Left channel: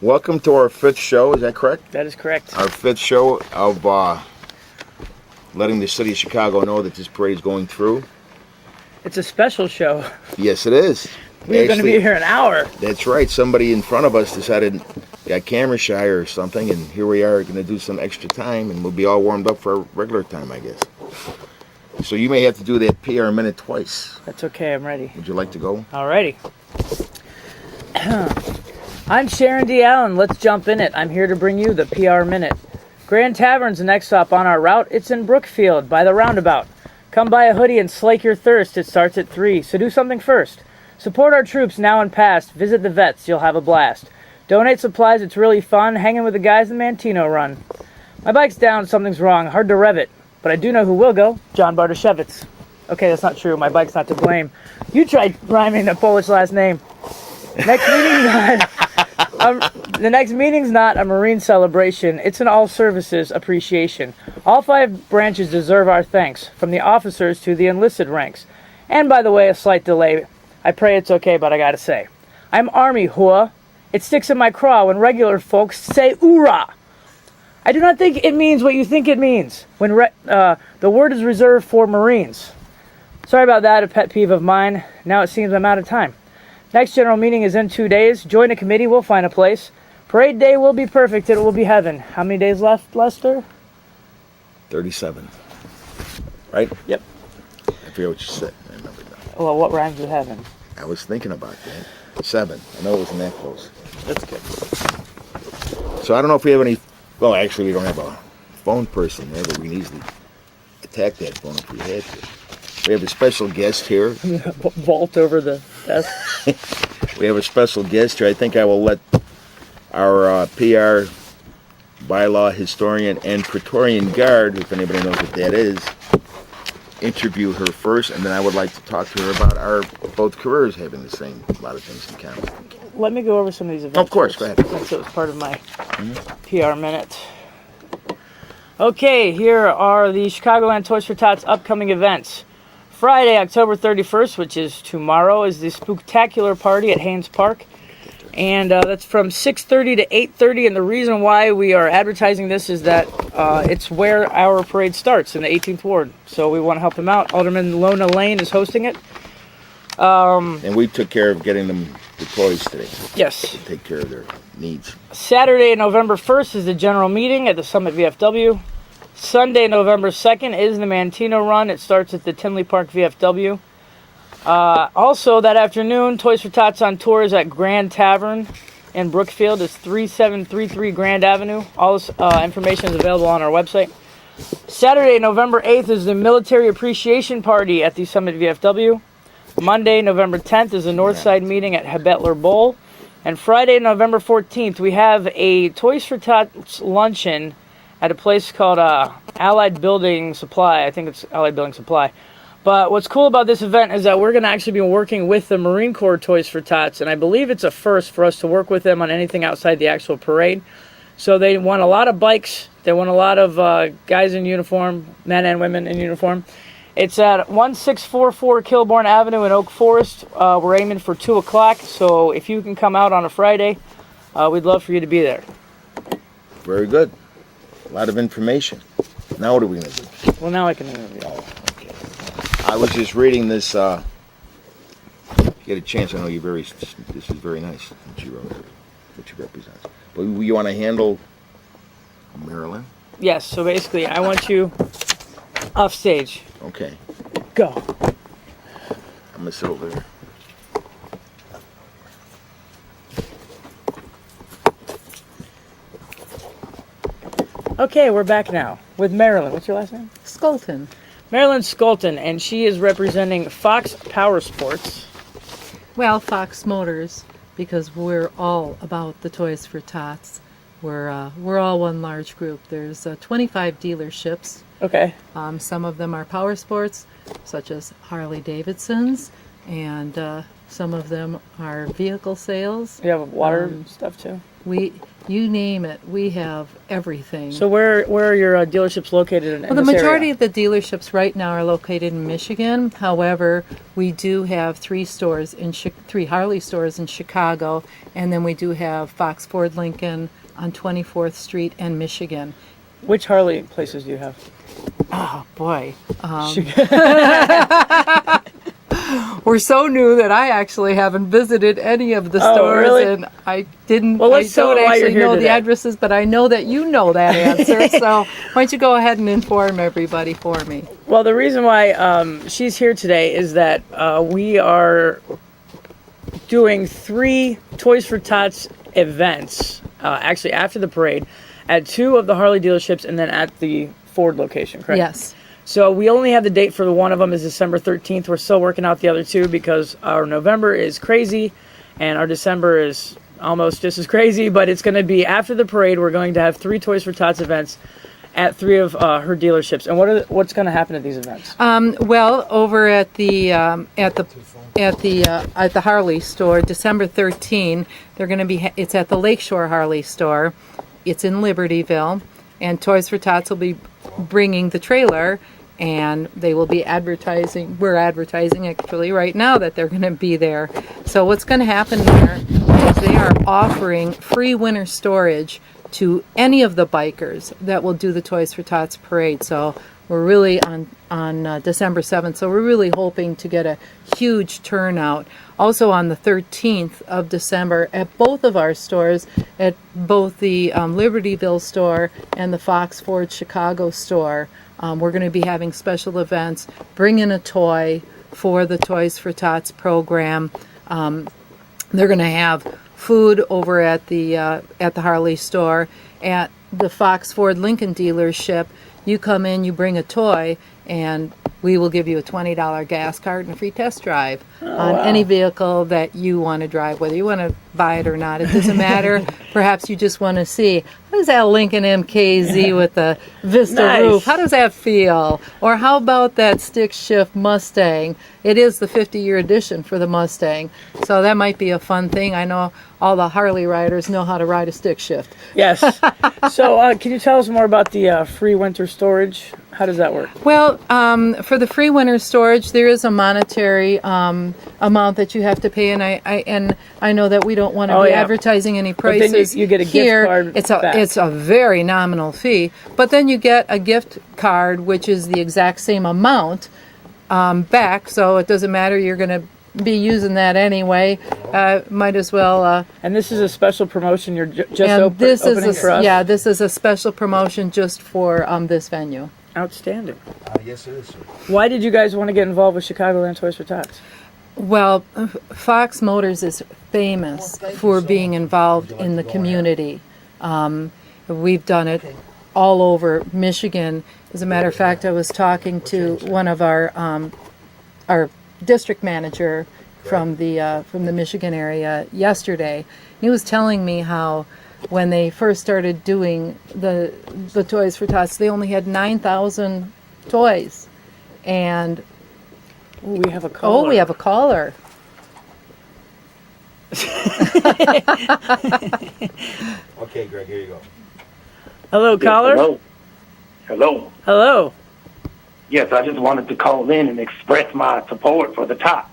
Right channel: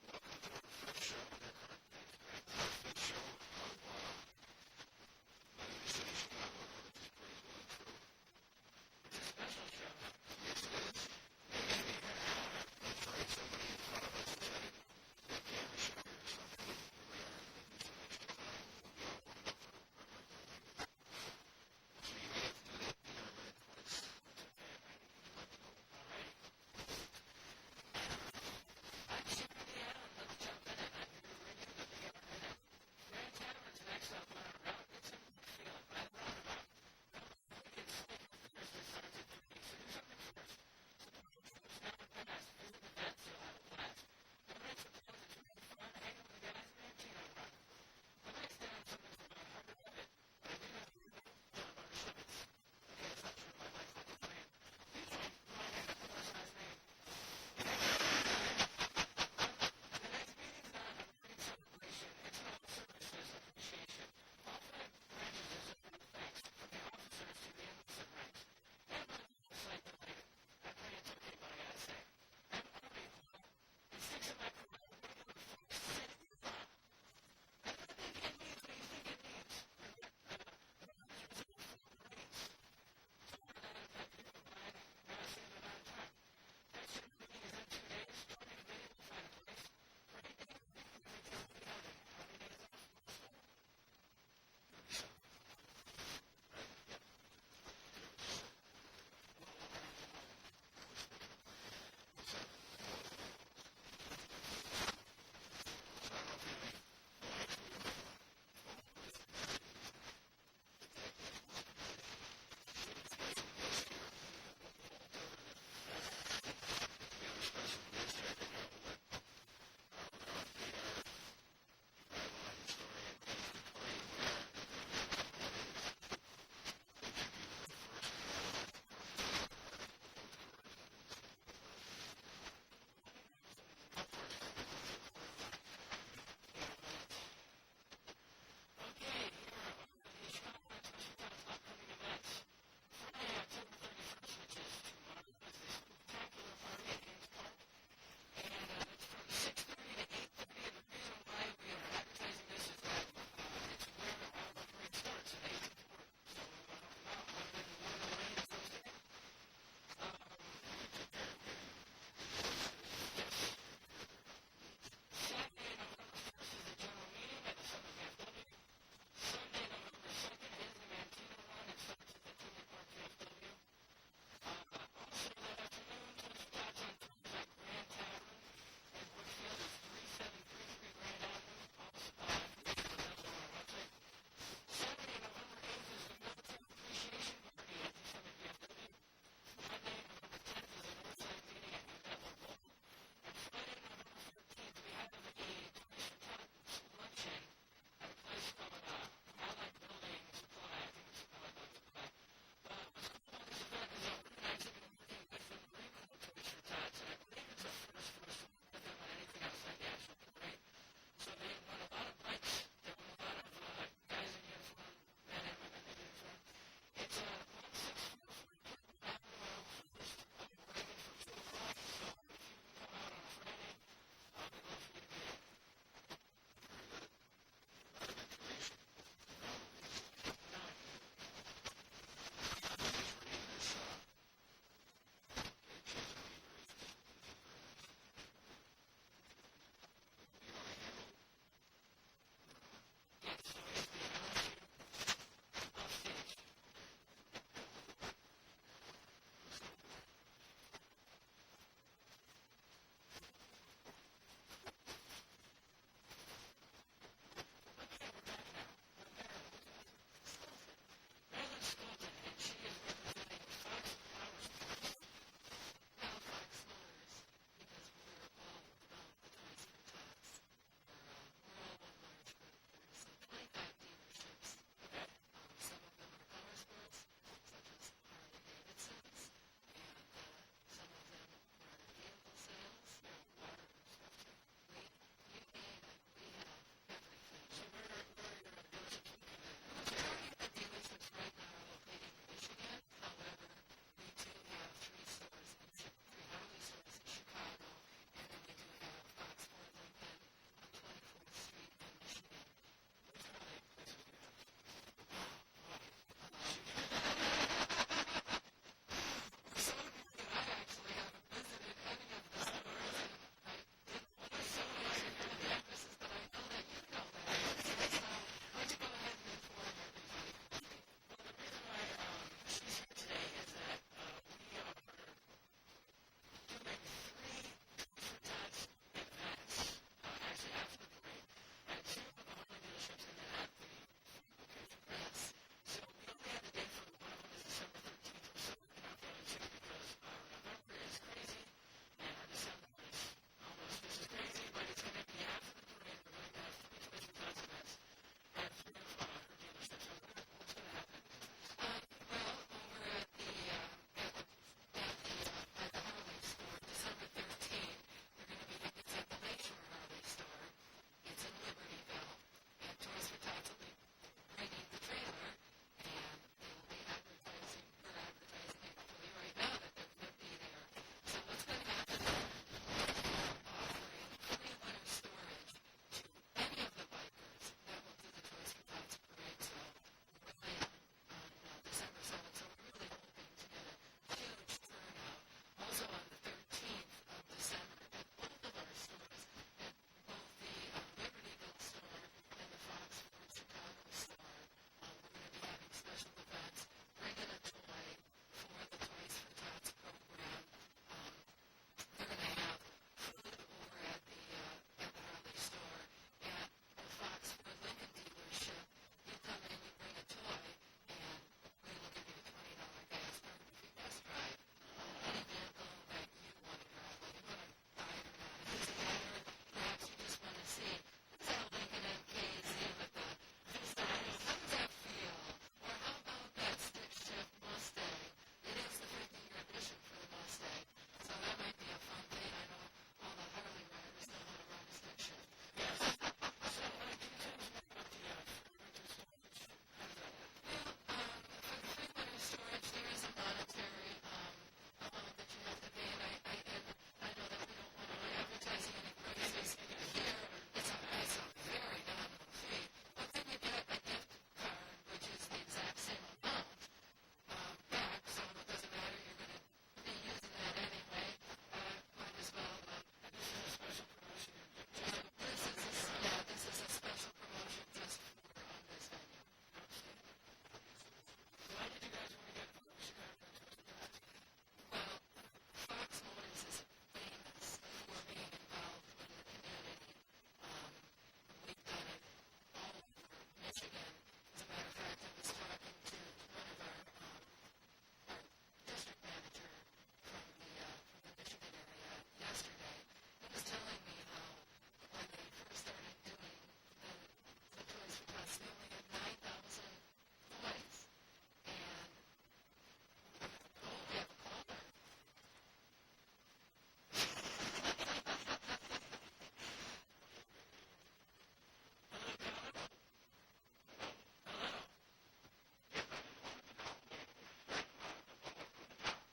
Welcome to our fifth show, is that correct? That is correct. Our fifth show of letting the city of Chicago know that this parade is going through. It's a special show. Yes, it is. We're going to be here an hour. That's right. Somebody in front of us decided, got camera shy or something, and here we are going to do some extra time, and we'll be all warmed up for our regular time, I guess. So you may have to do that PR minute twice. That's okay, I'm ready. Would you like to go? Alrighty. I'm Sharon D. Allen. Let's jump in it. I'm here to bring you the PR Minute. Grand Tavern's the next stop on our route. It's in Brookfield by the roundabout. Come buy a hoodie and slake your thirst. It starts at 3, so do something first. Support our troops now and past. Visit the vets. You'll have a blast. Donate supplies. It's really fun. Hanging with the guys in Mantino Run. My bike's down. Something's wrong. Hard to rev it. But I do know who will go. John Bartoszewicz. Okay, that's not true. My bike's not to blame. You tried rhyming the Polish last name. Next meeting's not, the next meeting's not a Marine celebration. It's an all-services appreciation. All 5 branches deserve our thanks, from the officers to the enlisted ranks. And by the way, a slight delay. I pray it's okay, but I gotta say. I'm Army, hua. It sticks in my craw when regular folks say oorah. I do not think it means what you think it means when the word is reserved for Marines. Sorry about that, a pet peeve of mine. Now it seems I'm out of time. Next general meeting is in 2 days. Join a committee, we'll find a place. Parade day will be perfect, it will be heaven. How many days left, Lester? 37. Right? Yep. I forget what you said. I remember now. Well, what rhymes with heaven? I was thinking about that. 7. I know it wasn't that close. That's good. So I don't know if we have any... Well, actually, we don't have a phone person there, but we can easily attack that phone if we had to. We have a special guest here. Vault over the desk. We have a special guest here. I think I will let our PR bylaw historian and Praetorian Guard, if anybody knows what that is, interview her first, and then I would like to talk to her about our both careers having the same, a lot of things in common. Let me go over some of these events. Of course, first, go ahead. since it was part of my PR minute. Okay, here are the Chicagoland Toys for Tots upcoming events. Friday, October 31st, which is tomorrow, is the Spooktacular Party at Haynes Park. And that's from 6:30 to 8:30. And the reason why we are advertising this is that it's where our parade starts in the 18th Ward. So we want to help them out. Alderman Lona Lane is hosting it. And we took care of getting them the toys today. Yes. To take care of their needs. Saturday, November 1st is the general meeting at the Summit VFW. Sunday, November 2nd is the Mantino Run. It starts at the Tinley Park VFW. Also, that afternoon, Toys for Tots on tour is at Grand Tavern in Brookfield. It's 3733 Grand Avenue. All this information is available on our website. Saturday, November 8th is the Military Appreciation Party at the Summit VFW. Monday, November 10th is the Northside meeting at Hebetler Bowl. And Friday, November 14th, we have a Toys for Tots luncheon at a place called Allied Building Supply. I think it's Allied Building Supply. But what's cool about this event is that we're going to actually be working with the Marine Corps Toys for Tots, and I believe it's a first for us to work with them on anything outside the actual parade. So they want a lot of bikes. They want a lot of guys in uniform, men and women in uniform. It's at 1644 Kilbourne Avenue in Oak Forest. We're aiming for 2 o'clock, so if you can come out on a Friday, we'd love for you to be there. Very good. A lot of information. Now what are we going to do? Well, now I can interview. Oh, okay. I was just reading this. Get a chance. I know you very. This is very nice. What you wrote, what you represent. But you want to handle Maryland? Yes. So basically, I want you off stage. Okay. Go. I'm gonna sit over there. Okay, we're back now with Marilyn. What's your last name? Skolton. Marilyn Skolton, and she is representing Fox Power Sports. Well, Fox Motors, because we're all about the Toys for Tots. We're all one large group. There's 25 dealerships. Okay. Some of them are power sports, such as Harley Davidson's, and some of them are vehicle sales. You have water stuff too? you name it, we have everything. So where are your dealerships located in Well, the this majority area? of the dealerships right now are located in Michigan. However, we do have three Harley stores in Chicago, and then we do have Fox Ford Lincoln on 24th Street and Michigan. Which Harley places do you have? Oh boy, we're so new that I actually haven't visited any of the Oh, stores, really? and I didn't. Well, let's I tell don't them why you're actually here know the today. addresses, but I know that you know that answer. So why don't you go ahead and inform everybody for me? Well, the reason why she's here today is that we are doing 3 Toys for Tots events, actually after the parade, at 2 of the Harley dealerships and then at the Ford location, correct? Yes. So we only have the date for the one of them is December 13th. We're still working out the other 2 because our November is crazy and our December is almost just as crazy, but it's going to be after the parade. We're going to have 3 Toys for Tots events at 3 of her dealerships. And what's going to happen at these events? Well, over at the Harley store, December 13, they're going to be. It's at the Lakeshore Harley store. It's in Libertyville, and Toys for Tots will be bringing the trailer, and they will be advertising. We're advertising actually right now that they're going to be there. So what's going to happen there is they are offering free winter storage to any of the bikers that will do the Toys for Tots parade. So we're really on December 7th. So we're really hoping to get a huge turnout. Also on the 13th of December at both of our stores, at both the Libertyville store and the Fox Ford Chicago store, we're going to be having special events. Bring in a toy for the Toys for Tots program. They're going to have food over at the Harley store. At the Fox Ford Lincoln dealership, you come in, you bring a toy, and we will give you a $20 gas card and a free test drive on any vehicle that you want to drive, whether you want to buy it or not. It doesn't matter. Perhaps you just want to see, how does that Lincoln MKZ with the Vista Nice. roof, how does that feel? Or how about that stick shift Mustang? It is the 50-year edition for the Mustang, so that might be a fun thing. I know all the Harley riders know how to ride a stick shift. Yes. So can you tell us more about the free winter storage? How does that work? Well, for the free winter storage, there is a monetary amount that you have to pay, and I know that we don't want to Oh, be yeah. advertising any But then prices you get a gift here. card back. It's a very nominal fee, but then you get a gift card, which is the exact same amount back. So it doesn't matter. You're going to be using that anyway. Might as well. And this is a special promotion you're just And this opening is for us? yeah, this is a special promotion just for this venue. Outstanding. Yes, it is, sir. Why did you guys want to get involved with Chicagoland Toys for Tots? Well, Fox Motors is famous for being involved in the community. We've done it all over Michigan. As a matter of fact, I was talking to one of our district manager from the Michigan area yesterday. He was telling me how when they first started doing the Toys for Tots, they only had 9,000 toys, and Oh, we have a caller. we have a caller. Okay, Greg, here you go. Hello, caller. Hello. Hello. Hello. Yes, I just wanted to call in and express my support for the Tots.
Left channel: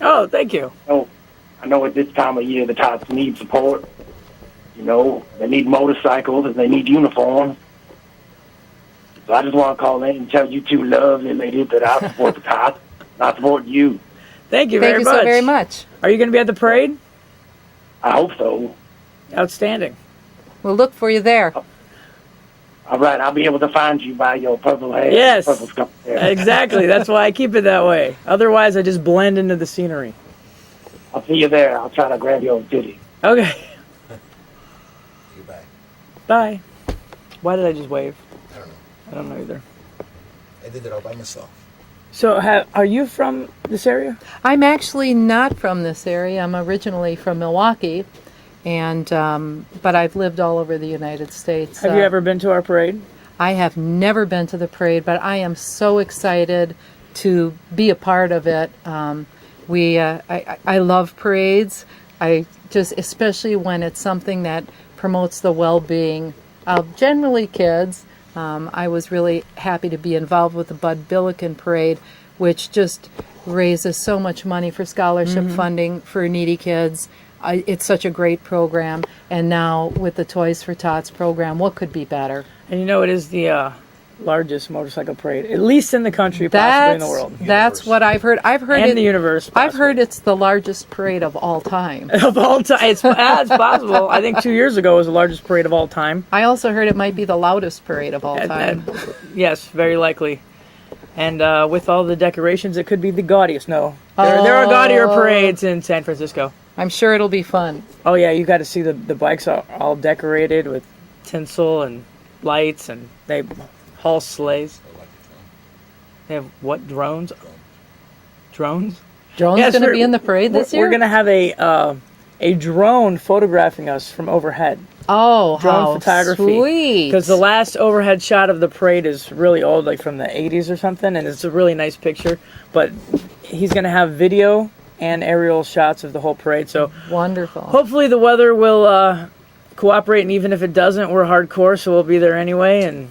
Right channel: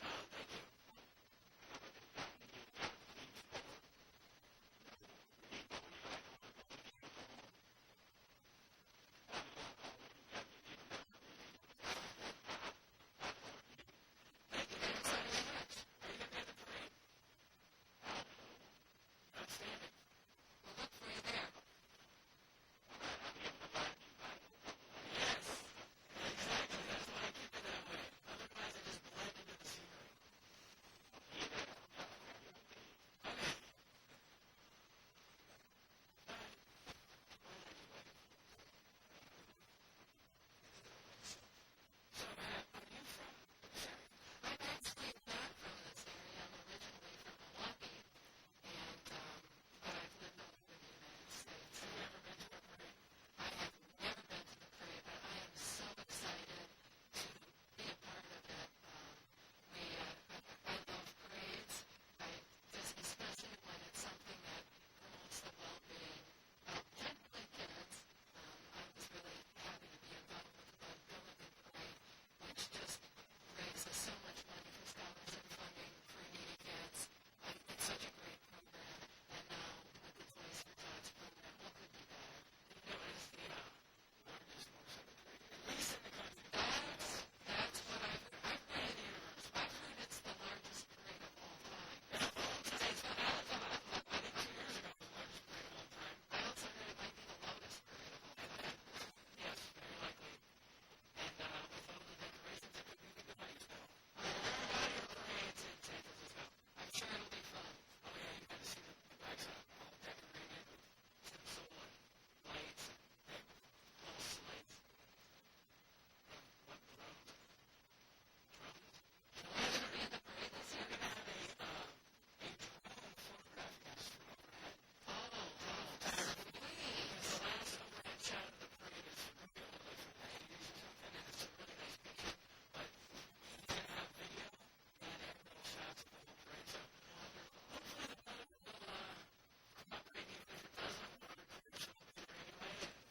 Oh, thank you. I know at this time of year the Tots need support. You know, they need motorcycles and they need uniforms. So I just want to call in and tell you two lovely ladies that I support the Tots. I support you. Thank you Thank very you much. so very much. Are you going to be at the parade? I hope so. Outstanding. We'll look for you there. All right, I'll be able to find you by your purple hair. Yes. Purple scarf hair. Exactly. That's why I keep it that way. Otherwise, I just blend into the scenery. I'll see you there. I'll try to grab your titty. Okay. Goodbye. Bye. Why did I just wave? I don't know. I don't know either. I did it all by myself. So, are you from this area? I'm actually not from this area. I'm originally from Milwaukee, and but I've lived all over the United States. Have you ever been to our parade? I have never been to the parade, but I am so excited to be a part of it. I love parades. I just, especially when it's something that promotes the well-being of generally kids. I was really happy to be involved with the Bud Billiken Parade, which just raises so much money for scholarship funding for needy kids. It's such a great program. And now with the Toys for Tots program, what could be better? And it is the largest motorcycle parade, at least in the country, possibly in the world. That's what I've heard. And the universe. I've heard it's the largest parade of all time. Of all time. It's possible. I think 2 years ago it was the largest parade of all time. I also heard it might be the loudest parade of all time. Yes, very likely. And with all the decorations, it could be the gaudiest. No, there are gaudier parades in San Francisco. I'm sure it'll be fun. Oh yeah, you got to see the bikes are all decorated with tinsel and lights, and they haul sleighs. They have what, drones? Drones? Drone's Yes, going to we're- be in the parade this year? We're going to have a drone photographing us from overhead. Oh, Drone how photography. sweet. Because the last overhead shot of the parade is really old, like from the 80s or something, and it's a really nice picture. But he's going to have video and aerial shots of the whole parade. So Wonderful. hopefully the weather will cooperate, and even if it doesn't, we're hardcore, so we'll be there anyway, and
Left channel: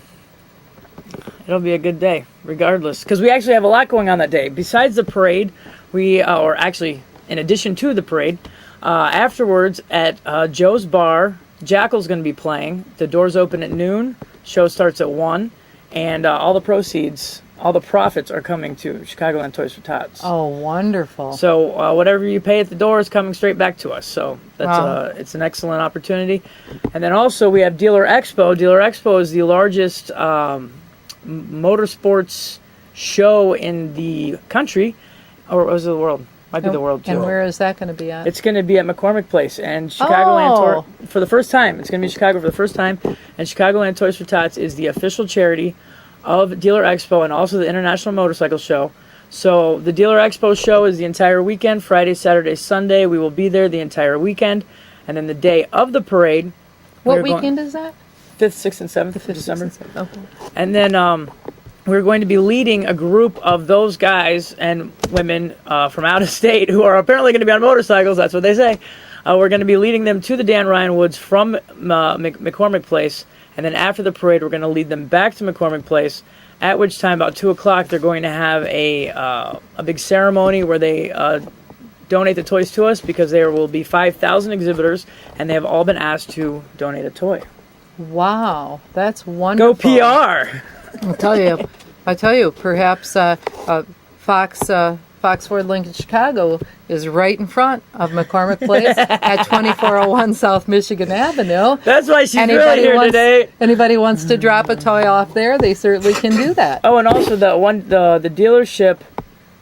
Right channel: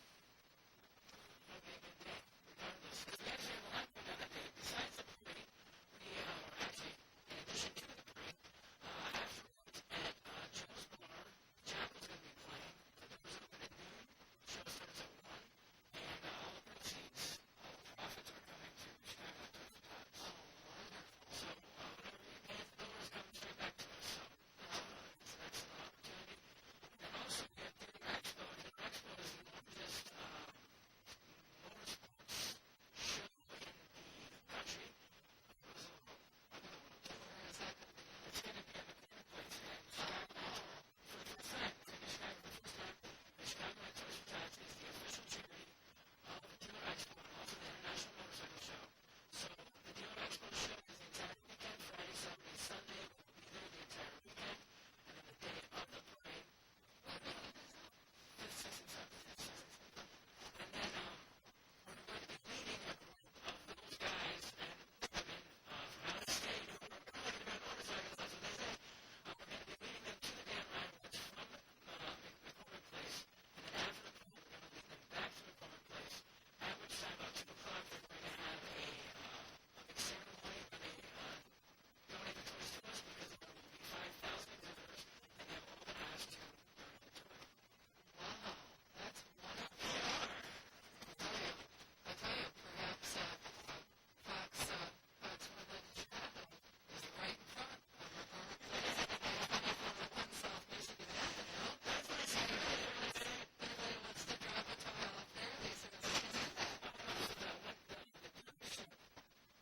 it'll be a good day, regardless. Because we actually have a lot going on that day. Besides the parade, or actually, in addition to the parade, afterwards at Joe's Bar, Jackal's going to be playing. The doors open at noon. Show starts at 1. And all the proceeds, all the profits are coming to Chicagoland Toys for Tots. Oh, wonderful. So whatever you pay at the door is coming straight back to us. So that's Wow. it's an excellent opportunity. And then also we have Dealer Expo. Dealer Expo is the largest motorsports show in the country, or was it the world? Might be the world too. And where is that going to be at? It's going to be at McCormick Place, and Chicagoland Oh. for the first time. It's going to be in Chicago for the first time, and Chicagoland Toys for Tots is the official charity of Dealer Expo and also the International Motorcycle Show. So the Dealer Expo show is the entire weekend, Friday, Saturday, Sunday. We will be there the entire weekend, and then the day of the parade. What we're going- weekend is that? 5th, 6th, and 7th of December. Okay. And then we're going to be leading a group of those guys and women from out of state who are apparently going to be on motorcycles. That's what they say. We're going to be leading them to the Dan Ryan Woods from McCormick Place. And then after the parade, we're going to lead them back to McCormick Place, at which time, about 2 o'clock, they're going to have a big ceremony where they donate the toys to us, because there will be 5,000 exhibitors, and they have all been asked to donate a toy. Wow, that's Go wonderful. PR! I tell you, perhaps Fox Ford Lincoln Chicago is right in front of McCormick Place at 2401 South Michigan Avenue. That's why she's really here today. Anybody wants to drop a toy off there, they certainly can do that. Oh, and also the dealership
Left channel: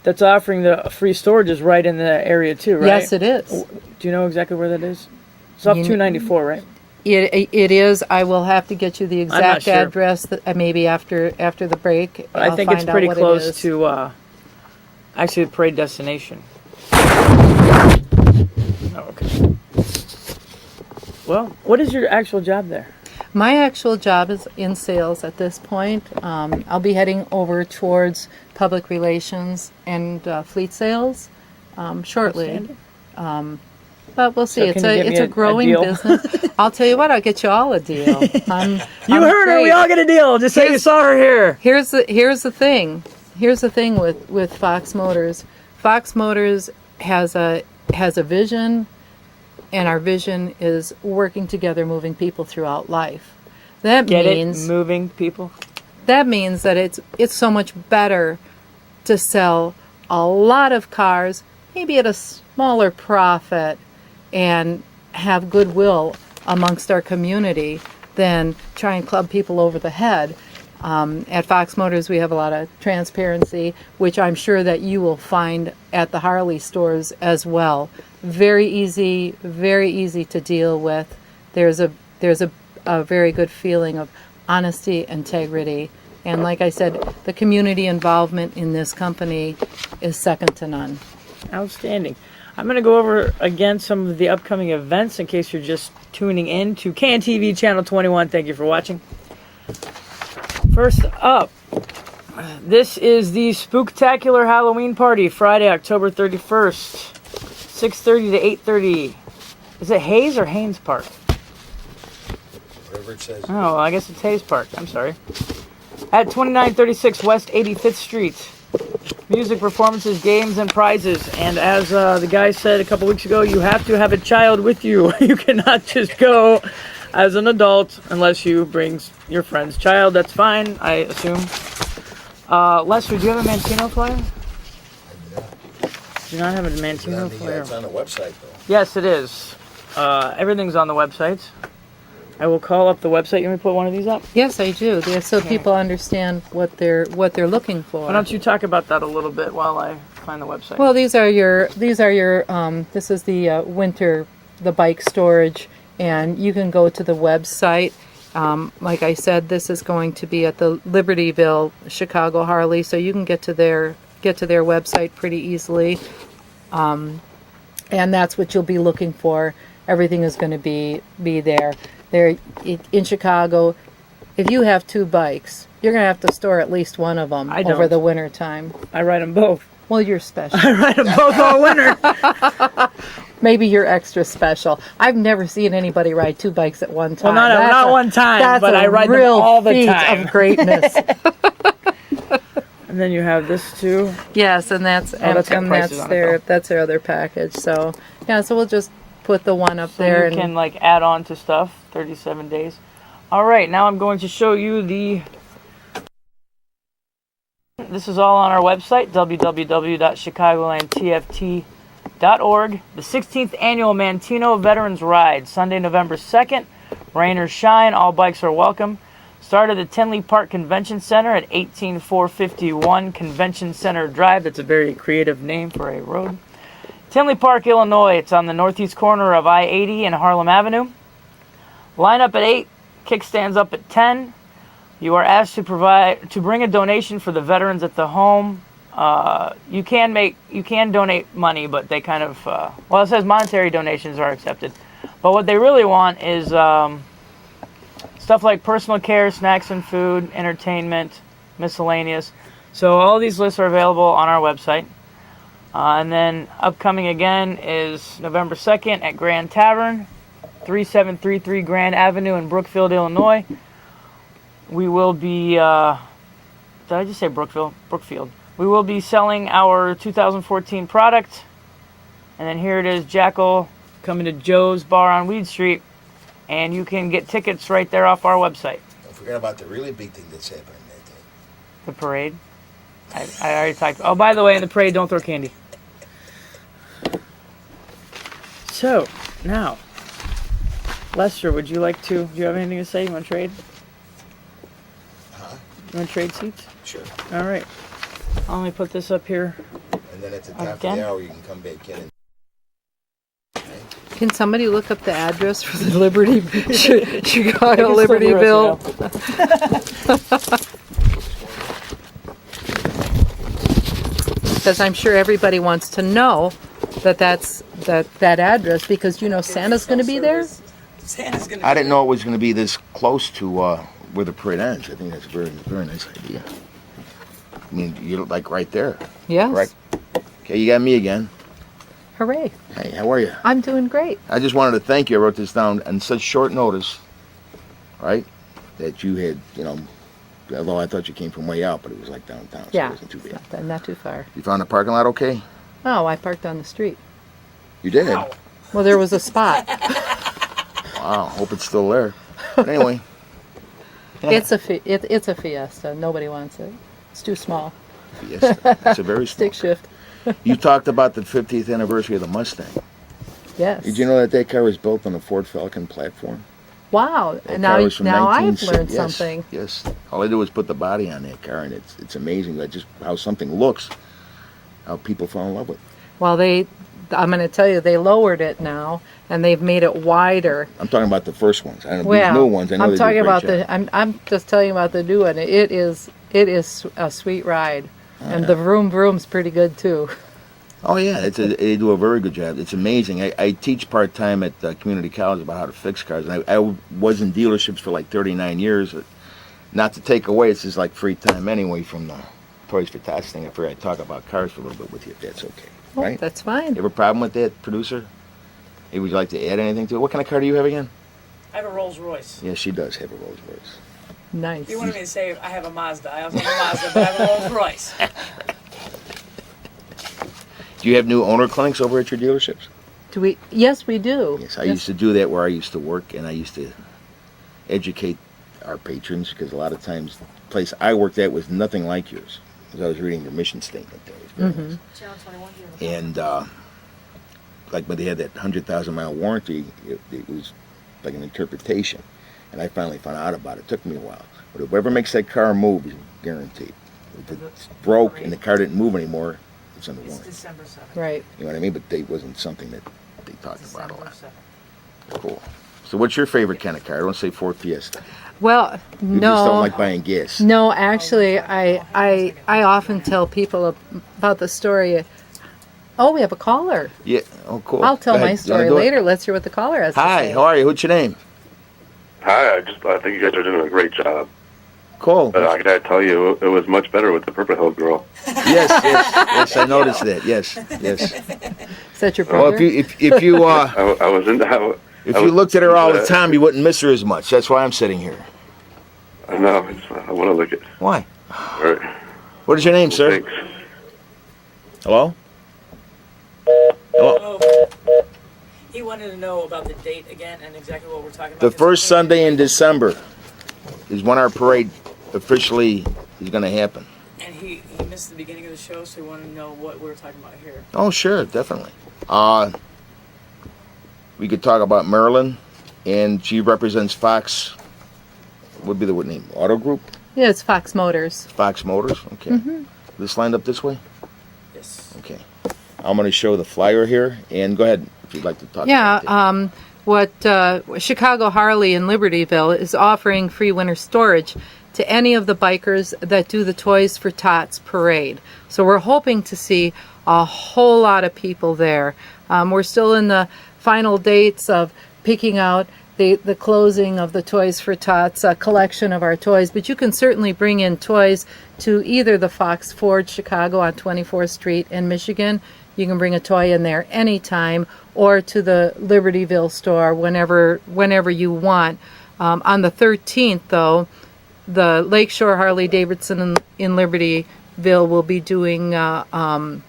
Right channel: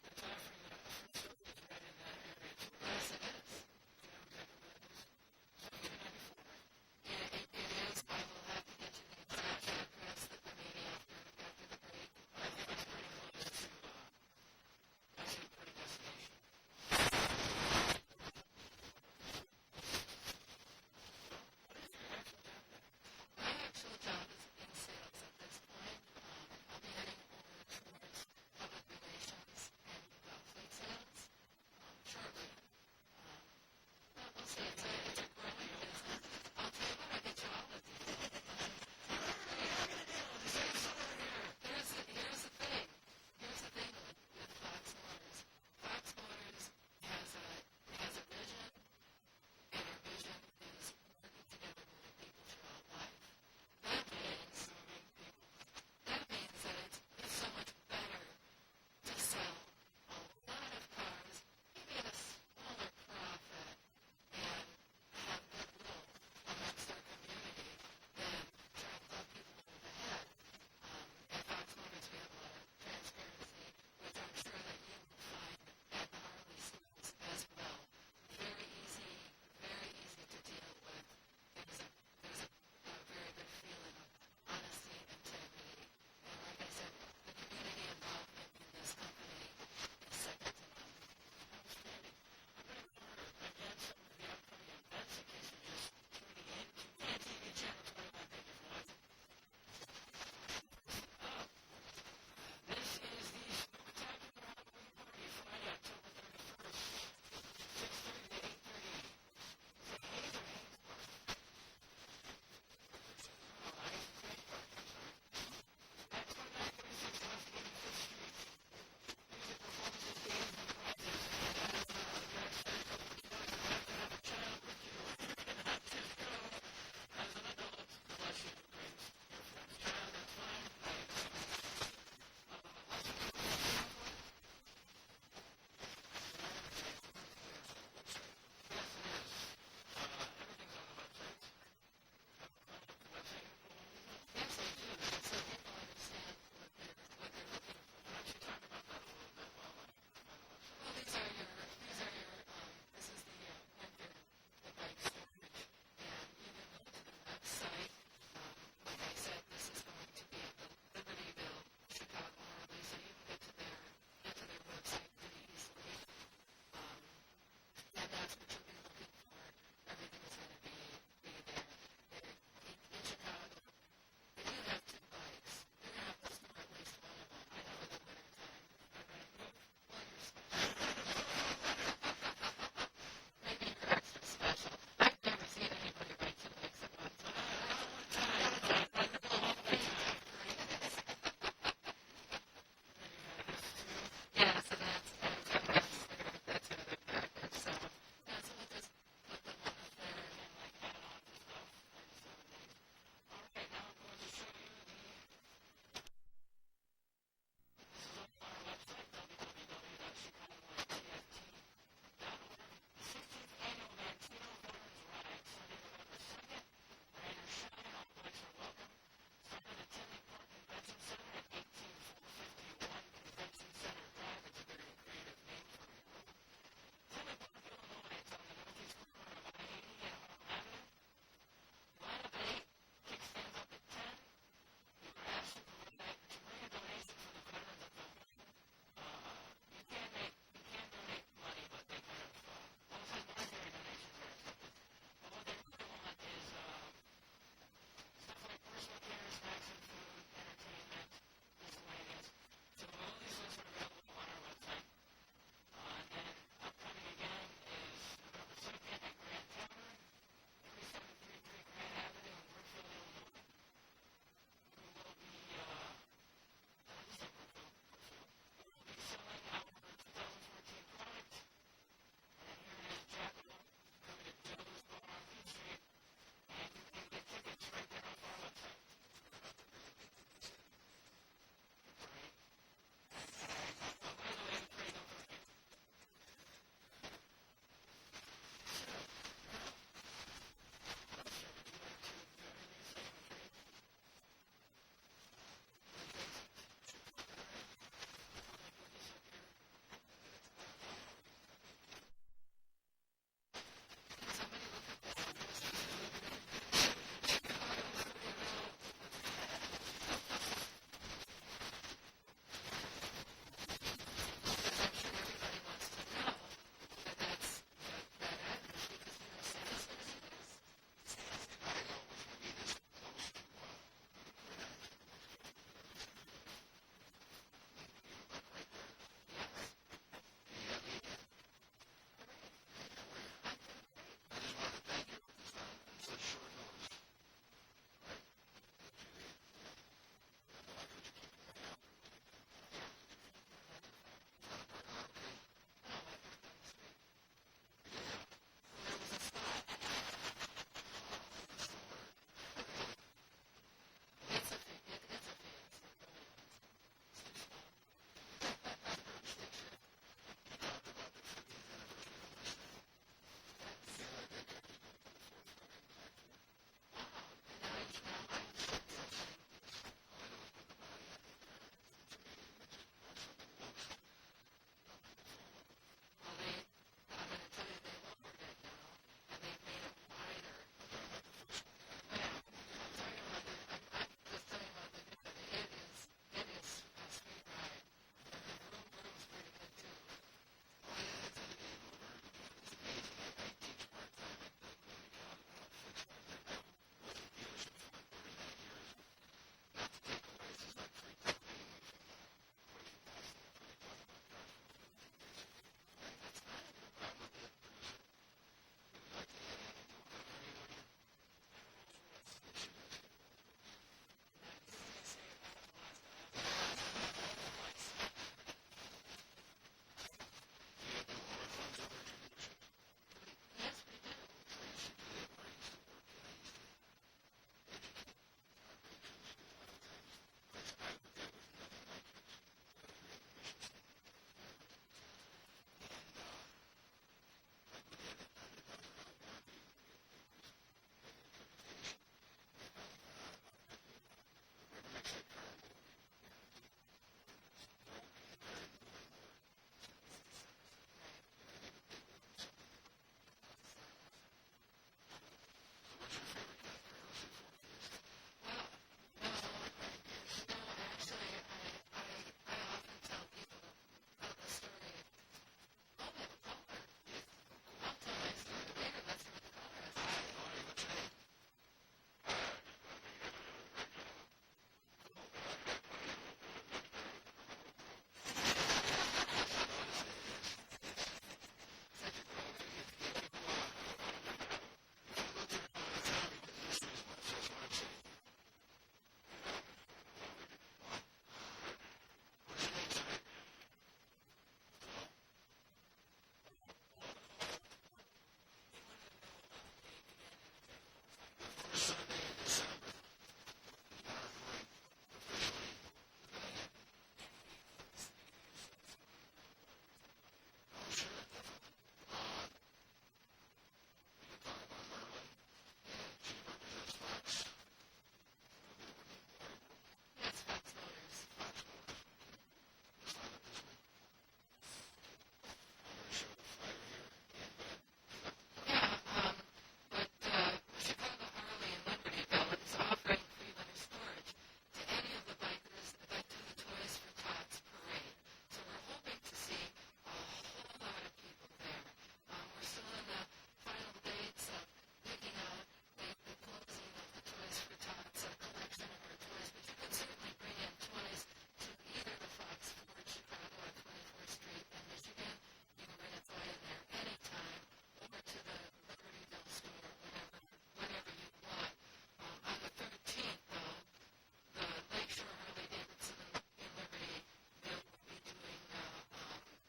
that's offering the free storage is right in the area too, right? Yes, it is. Do you know exactly where that is? It's off 294, right? It is. I will have to get you the not exact sure. address. Maybe after the break. I think it's find out pretty what it close is. to actually the parade destination. Oh, okay. Well, what is your actual job there? My actual job is in sales at this point. I'll be heading over towards public relations and fleet sales shortly. But we'll see. So It's can you get it's me a growing deal? business. I'll tell you what. I'll get you all a deal. I'm heard her. We afraid. all get a deal. Just say you saw her here. Here's the thing. Here's the thing with Fox Motors. Fox Motors has a vision, and our vision is working together, moving people throughout life. That means moving people. that means that it's so much better to sell a lot of cars, maybe at a smaller profit, and have goodwill amongst our community than try and club people over the head. At Fox Motors, we have a lot of transparency, which I'm sure that you will find at the Harley stores as well. Very easy to deal with. There's a very good feeling of honesty, integrity, and like I said, the community involvement in this company is second to none. Outstanding. I'm going to go over again some of the upcoming events in case you're just tuning in to CanTV Channel 21. Thank you for watching. First up, this is the Spooktacular Halloween Party, Friday, October 31st, 6:30 to 8:30. Is it Hayes or Haynes Park? whatever it says. Oh, well, I guess it's Hayes Park. I'm sorry. At 2936 West 85th Street. Music, performances, games, and prizes. And as the guy said a couple weeks ago, you have to have a child with you. You cannot just go as an adult unless you bring your friend's child. That's fine, I assume. Lester, do you have a Mantino flyer? Do not have a Mantino flyer. It's on the website, though. Yes, it is. Everything's on the website. I will call up the website. You want me to put one of these up? Yes, I do. Yeah, so people understand what they're looking for. Why don't you talk about that a little bit while I find the website? Well, these are your this is the winter, the bike storage, and you can go to the website. Like I said, this is going to be at the Libertyville Chicago Harley, so you can get to their website pretty easily. And that's what you'll be looking for. Everything is going to be there. There in Chicago, if you have 2 bikes, you're going to have to store at least one of them over the winter time. I ride them both. Well, you're special. I ride them both all winter. Maybe you're extra special. I've never seen anybody ride 2 bikes at one time. Well, not one time, but I ride them all the time. Of greatness. And then you have this too. Yes, and that's that's got prices on it, though. that's their other package. So yeah, so we'll just put the one up So there. you can like add on to stuff. 37 days. All right, now I'm going to show you the. This is all on our website, www.chicagolandtft.org. The 16th annual Mantino Veterans Ride, Sunday, November 2nd. Rain or shine, all bikes are welcome. Start at the Tinley Park Convention Center at 18451 Convention Center Drive. That's a very creative name for a road. Tinley Park, Illinois. It's on the northeast corner of I-80 and Harlem Avenue. Line up at 8, kickstands up at 10. You are asked to bring a donation for the veterans at the home. You can donate money, but they kind of well, it says monetary donations are accepted. But what they really want is stuff like personal care, snacks and food, entertainment, miscellaneous. So all these lists are available on our website. And then upcoming again is November 2nd at Grand Tavern, 3733 Grand Avenue in Brookfield, Illinois. We will be, did I just say Brookfield? Brookfield. We will be selling our 2014 product. And then here it is, Jackal, coming to Joe's Bar on Weed Street. And you can get tickets right there off our website. Don't forget about the really big thing that's happening that day. The parade. I already talked. Oh, by the way, in the parade, don't throw candy. So, now, Lester, would you like to, do you have anything to say? You want to trade? Huh? You want to trade seats? Sure. All right. I'll only put this up here. And then at the top Again? of the hour, you can come back in. Can somebody look up the address for the Liberty Chicago I can still do Libertyville? Because I'm sure everybody wants to know that's that address, because you know Santa's going to be there. I didn't know it was going to be this close to where the parade ends. I think that's a very, very nice idea. I mean, you're like right there. Yes. Right. Okay, you got me again. Hooray! Hey, how are you? I'm doing great. I just wanted to thank you. I wrote this down on such short notice, right? That you had, although I thought you came from way out, but it was like downtown, so Yeah, it wasn't too bad. not too far. You found the parking lot okay? Oh, I parked on the street. You did? Well, there was a spot. Wow, hope it's still there. But anyway. It's a Fiesta. Nobody wants it. It's too small. Yes, it's a very small. Stick shift. You talked about the 50th anniversary of the Mustang. Yes. Did you know that car was built on a Ford Falcon platform? Wow. That Now car was from I've 1960 learned yes, something. Yes. All I did was put the body on that car, and it's amazing that just how something looks, how people fall in love with it. Well, I'm going to tell you, they lowered it now, and they've made it wider. I'm talking about the first ones. I don't know Well, these new ones. I know I'm they do a talking great about job. I'm just telling you about the new one. It is a sweet ride, and yeah. the vroom's pretty good too. Oh yeah, they do a very good job. It's amazing. I teach part-time at community college about how to fix cars, and I was in dealerships for like 39 years. Not to take away, it's just like free time anyway from the Toys for Tots thing. I figured I'd talk about cars for a little bit with you, if that's okay. Oh, Right? that's fine. You have a problem with that, producer? Hey, would you like to add anything to it? What kind of car do you have again? I have a Rolls Royce. Yeah, she does have a Rolls Royce. Nice. You wanted me to say I have a Mazda. I also have a Mazda, but I have a Rolls Royce. Do you have new owner clinics over at your dealerships? Do we? Yes, we do. Yes, I used to do that where I used to work, and I used to educate our patrons because a lot of times the place I worked at was nothing like yours. Because I was reading your mission statement there. It was very nice. And like when they had that 100,000-mile warranty, it was like an interpretation. And I finally found out about it. It took me a while. But whoever makes that car move is guaranteed. If it's broke and the car didn't move anymore, it's under warranty. December 7th. Right. You know what I mean? But it wasn't something that they talked about a December lot. 7th. Cool. So what's your favorite kind of car? I don't say Ford Fiesta. Well, You no. just don't like buying gas. No, actually, I often tell people about the story. Oh, we have a caller. Yeah. Oh, cool. I'll tell Go my ahead. You story wanna do it? later. Let's hear what the caller has to Hi. say. How are you? What's your name? Hi, I think you guys are doing a great job. Cool. But I gotta tell you, it was much better with the Purple Hill Girl. Yes. I noticed that. Yes. Is that your Well, brother? if you I was in. if you looked at her all the time, you wouldn't miss her as much. That's why I'm sitting here. No, I want to look at. Why? All right. What is your name, sir? Thanks. Hello? Hello? Oh. He wanted to know about the date again and exactly what we're talking about. The first Sunday in December is when our parade officially is going to happen. And he missed the beginning of the show, so he wanted to know what we were talking about here. Oh, sure, definitely. We could talk about Marilyn, and she represents Fox. Would be the name? Auto Group? Yeah, it's Fox Motors. Fox Motors. Okay. This lined up this way. Yes. Okay. I'm going to show the flyer here, and go ahead if you'd like to talk. Yeah, about that. what Chicago Harley in Libertyville is offering free winter storage to any of the bikers that do the Toys for Tots parade. So we're hoping to see a whole lot of people there. We're still in the final dates of picking out the closing of the Toys for Tots collection of our toys, but you can certainly bring in toys to either the Fox Ford Chicago on 24th Street in Michigan. You can bring a toy in there anytime, or to the Libertyville store whenever you want. On the 13th, though, the Lakeshore Harley Davidson in Libertyville will be doing, they'll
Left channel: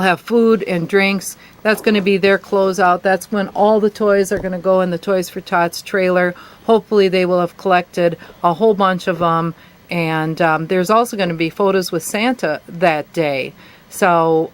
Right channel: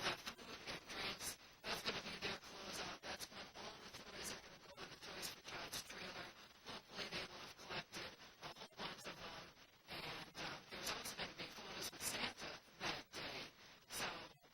have food and drinks. That's going to be their closeout. That's when all the toys are going to go in the Toys for Tots trailer. Hopefully they will have collected a whole bunch of them. And there's also going to be photos with Santa that day. So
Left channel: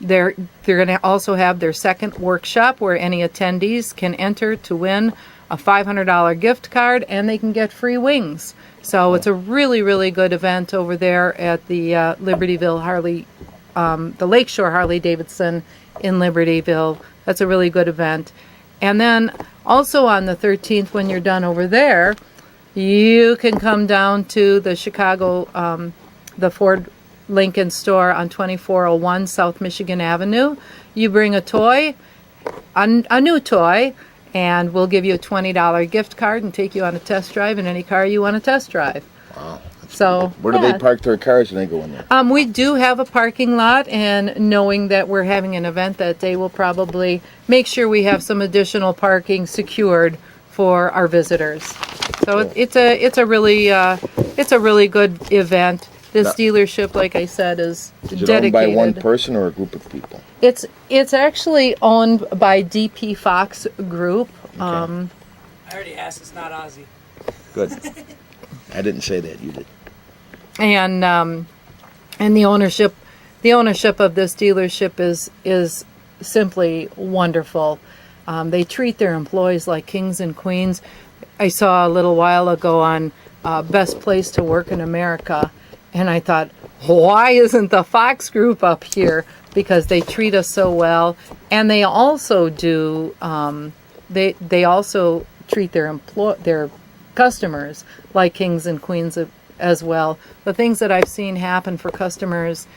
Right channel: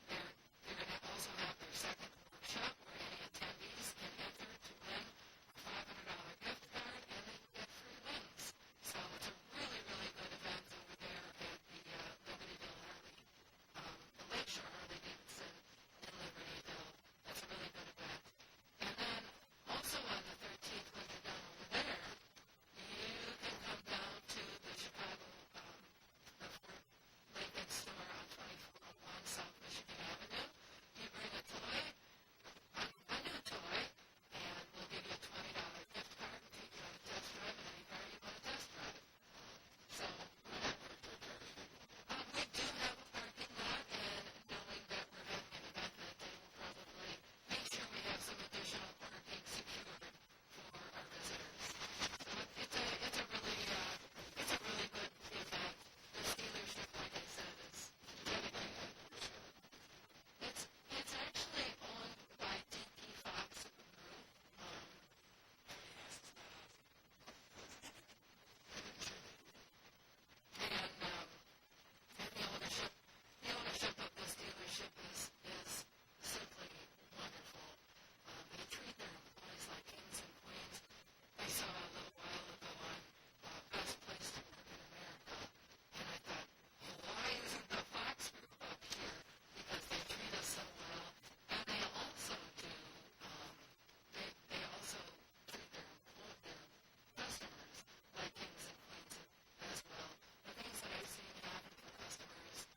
they're going to also have their second workshop where any attendees can enter to win a $500 gift card, and they can get free wings. So it's a really, really good event over there at the Libertyville Harley, the Lakeshore Harley Davidson in Libertyville. That's a really good event. And then also on the 13th, when you're done over there, you can come down to the Chicago, the Ford Lincoln store on 2401 South Michigan Avenue. You bring a toy, a new toy, and we'll give you a $20 gift card and take you on a test drive in any car you want to test drive. Wow. So Where do they park their cars when they go in there? we do have a parking lot, and knowing that we're having an event that day, we'll probably make sure we have some additional parking secured for our visitors. So Cool. it's a really good event. This dealership, like I said, is Is it dedicated. owned by one person or a group of people? It's actually owned by DP Fox Group. I already asked. It's not Ozzy. Good. I didn't say that. You did. And the ownership of this dealership is simply wonderful. They treat their employees like kings and queens. I saw a little while ago on Best Place to Work in America, and I thought, why isn't the Fox Group up here? Because they treat us so well, and they also do. They also treat their customers like kings and queens as well. The things that I've seen happen for customers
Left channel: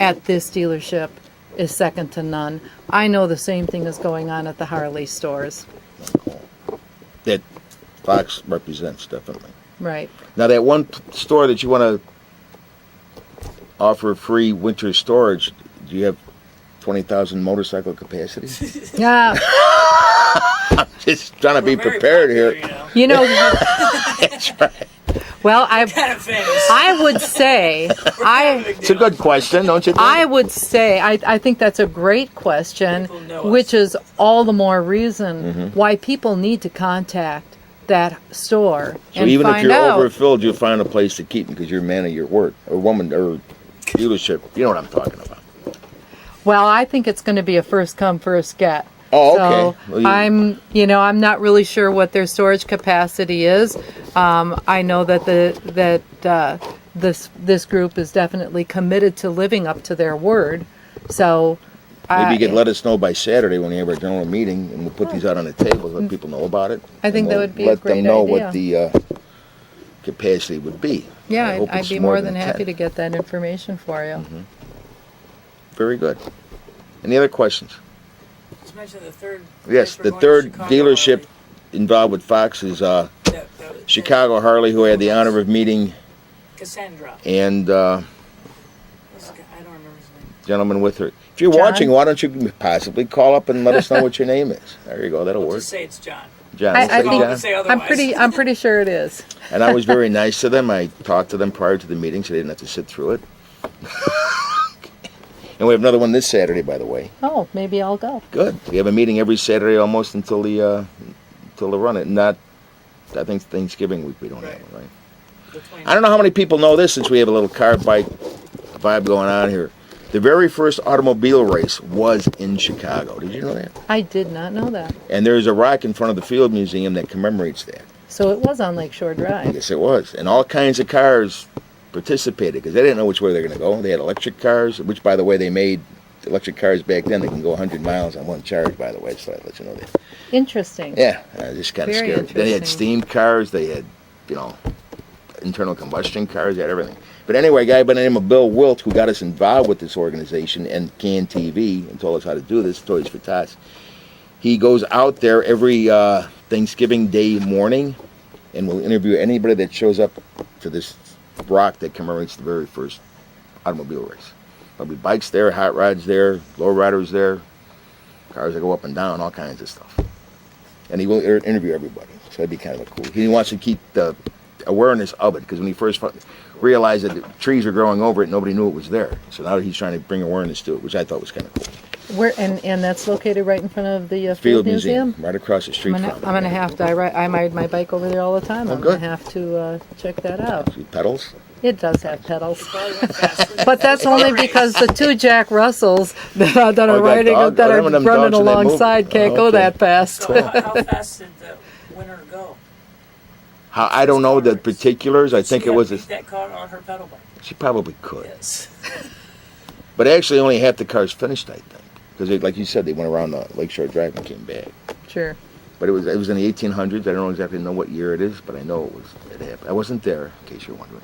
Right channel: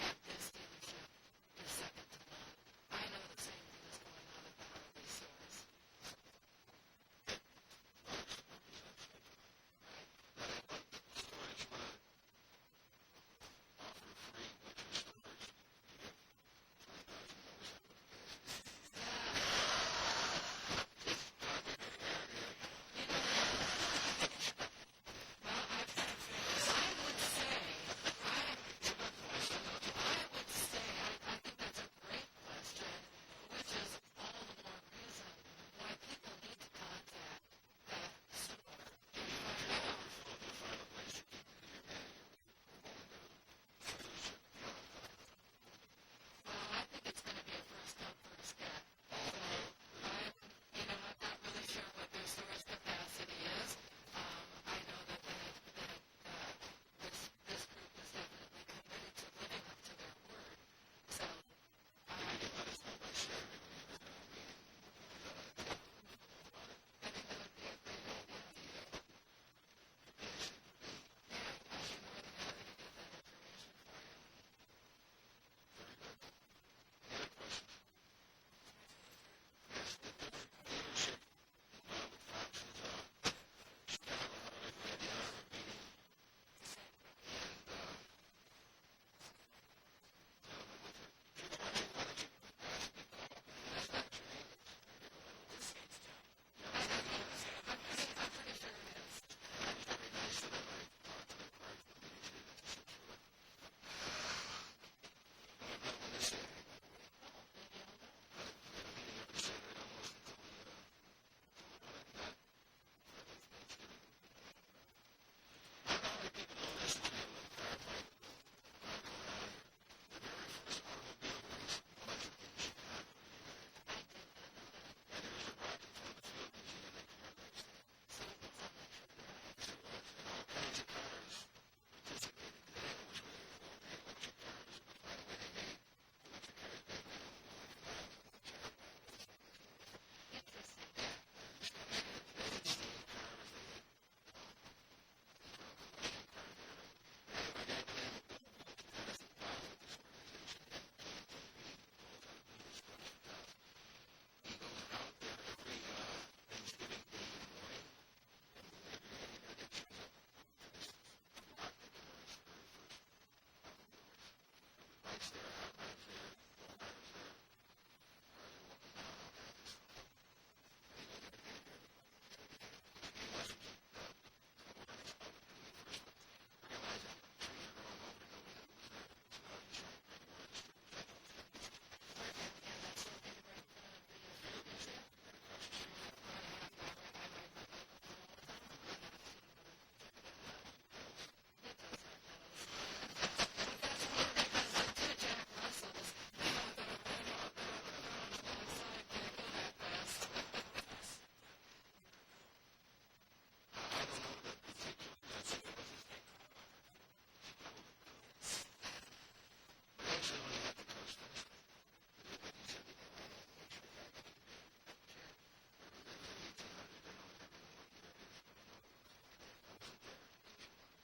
at this dealership is second to none. I know the same thing is going on at the Harley stores. That Fox represents, definitely. Right. Now, that one store that you want to offer free winter storage, do you have 20,000 motorcycle capacity? Yeah. Just trying to be prepared here. You know, That's right. well, Kind of famous. I would say, It's a good question, don't you think? I would say, I think that's a great question, People know which us. is all the more reason Mm-hmm. why people need to contact that store So and even if find you're out. overfilled, you'll find a place to keep them because you're a man of your word, or woman, or dealership. You know what I'm talking about. Well, I think it's going to be a first come, first get. Oh, So okay. Well, I'm not really sure what their storage capacity is. I know that this group is definitely committed to living up to their word. So Maybe you could let us know by Saturday when we have our general meeting, and we'll put these out on the table, let people know about it. I think and that we'll would be a let great them know idea. what the capacity would be. Yeah, I hope I'd it's be more than 10. happy to get that information for you. Very good. Any other questions? Just mention the third. Yes, place we're the going to third Chicago dealership involved with Fox is Chicago Harley, who I had the honor of meeting, Cassandra. and I don't remember his name. gentleman with her. If you're John? watching, why don't you possibly call up and let us know what your name is? There you go. That'll work. Just say it's John. John, I we'll say think- John. Say I'm otherwise. I'm pretty sure it is. And I was very nice to them. I talked to them prior to the meeting, so they didn't have to sit through it. And we have another one this Saturday, by the way. Oh, maybe I'll go. Good. We have a meeting every Saturday almost until the run it. Not, I think Thanksgiving week we don't have one, right? The 20. I don't know how many people know this since we have a little car bike vibe going on here. The very first automobile race was in Chicago. Did you know that? I did not know that. And there's a rock in front of the Field Museum that commemorates that. So it was on Lakeshore Drive. Yes, it was. And all kinds of cars participated because they didn't know which way they were going to go. They had electric cars, which, by the way, they made electric cars back then. They can go 100 miles on one charge, by the way, so I'll let you know that. Interesting. Yeah, just kind of Very scary. Then they had interesting. steam cars. They had, internal combustion cars. They had everything. But anyway, a guy by the name of Bill Wilt, who got us involved with this organization and Can TV and told us how to do this, Toys for Tots, he goes out there every Thanksgiving Day morning and will interview anybody that shows up to this rock that commemorates the very first automobile race. There'll be bikes there, hot rods there, low riders there, cars that go up and down, all kinds of stuff. And he will interview everybody, so that'd be kind of cool. He wants to keep the awareness of it, because when he first realized that the trees were growing over it, nobody knew it was there. So now he's trying to bring awareness to it, which I thought was kind of cool. Where and that's located right in front of the Field Museum, right across the street I'm from it. gonna have to. I ride my bike over there all the time. Oh, I'm good. gonna have to check that out. See pedals? It does have pedals, Probably went faster. but that's only because the two Jack Russells that are that riding dog- that oh, are them dogs running in that movie. alongside can't Oh, go okay. that fast. So how fast did the winner go? I don't know the particulars. I think She it was beat that car on her pedal bike. she probably could. Yes. But actually only half the cars finished, I think. Because like you said, they went around the Lakeshore Drive and came back. Sure. But it was in the 1800s. I don't exactly know what year it is, but I know it happened. I wasn't there, in case you're wondering.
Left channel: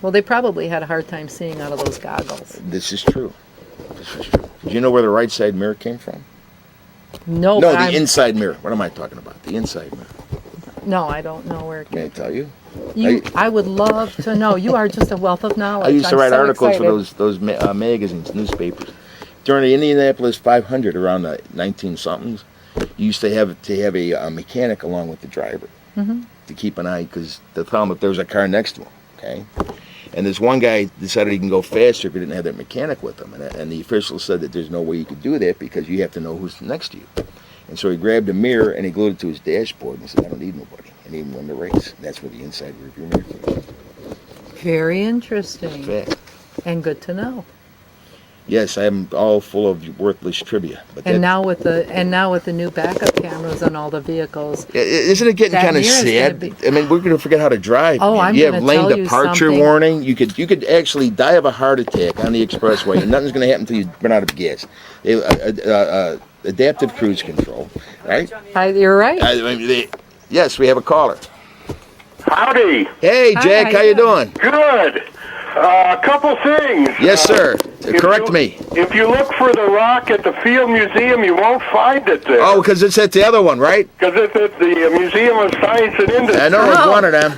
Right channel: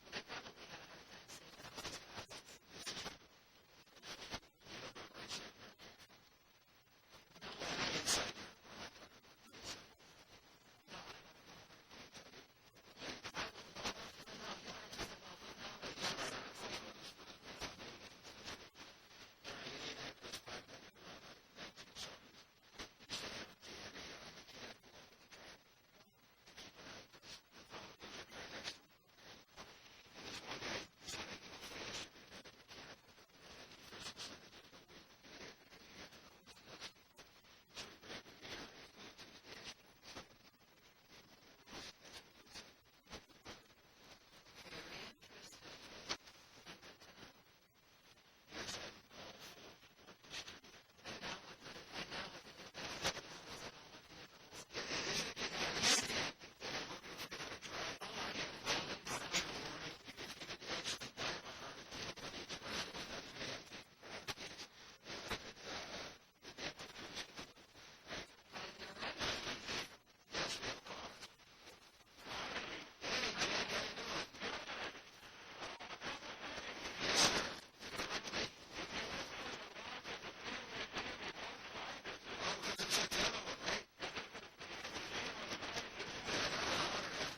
Well, they probably had a hard time seeing out of those goggles. This is true. Did you know where the right side mirror came from? No, No, but the I'm- inside mirror. What am I talking about? The inside mirror. No, I don't know where. May I tell you? I would love to know. You are just a wealth of knowledge. I used to I'm write so articles excited. for those magazines, newspapers. During the Indianapolis 500, around the 19-somethings, you used to have a mechanic along with the driver to keep an eye, because to tell him if there was a car next to him. Okay. And this one guy decided he can go faster if he didn't have that mechanic with him. And the official said that there's no way you could do that because you have to know who's next to you. And so he grabbed a mirror and he glued it to his dashboard and said, I don't need nobody. And he even won the race. And that's where the inside rearview mirror came from. Very interesting Fact. and good to know. Yes, I'm all full of worthless trivia. But And that- now with the new backup cameras on all the vehicles, Isn't it getting That kind of mirror's sad? gonna be- I mean, we're going to forget how to drive. Oh, man. I'm You have gonna lane tell you departure something. warning. You could actually die of a heart attack on the expressway, and nothing's going to happen until you run out of gas. Adaptive cruise control, right? you're right. Yes, we have a caller. Howdy. Hey, Hi, Jack, how you doing? Good. A couple things. Yes, sir. If Correct you- me. If you look for the rock at the Field Museum, you won't find it there. Oh, because it's at the other one, right? Because it's at the Museum of Science and Industry. I know it's Oh. one of them.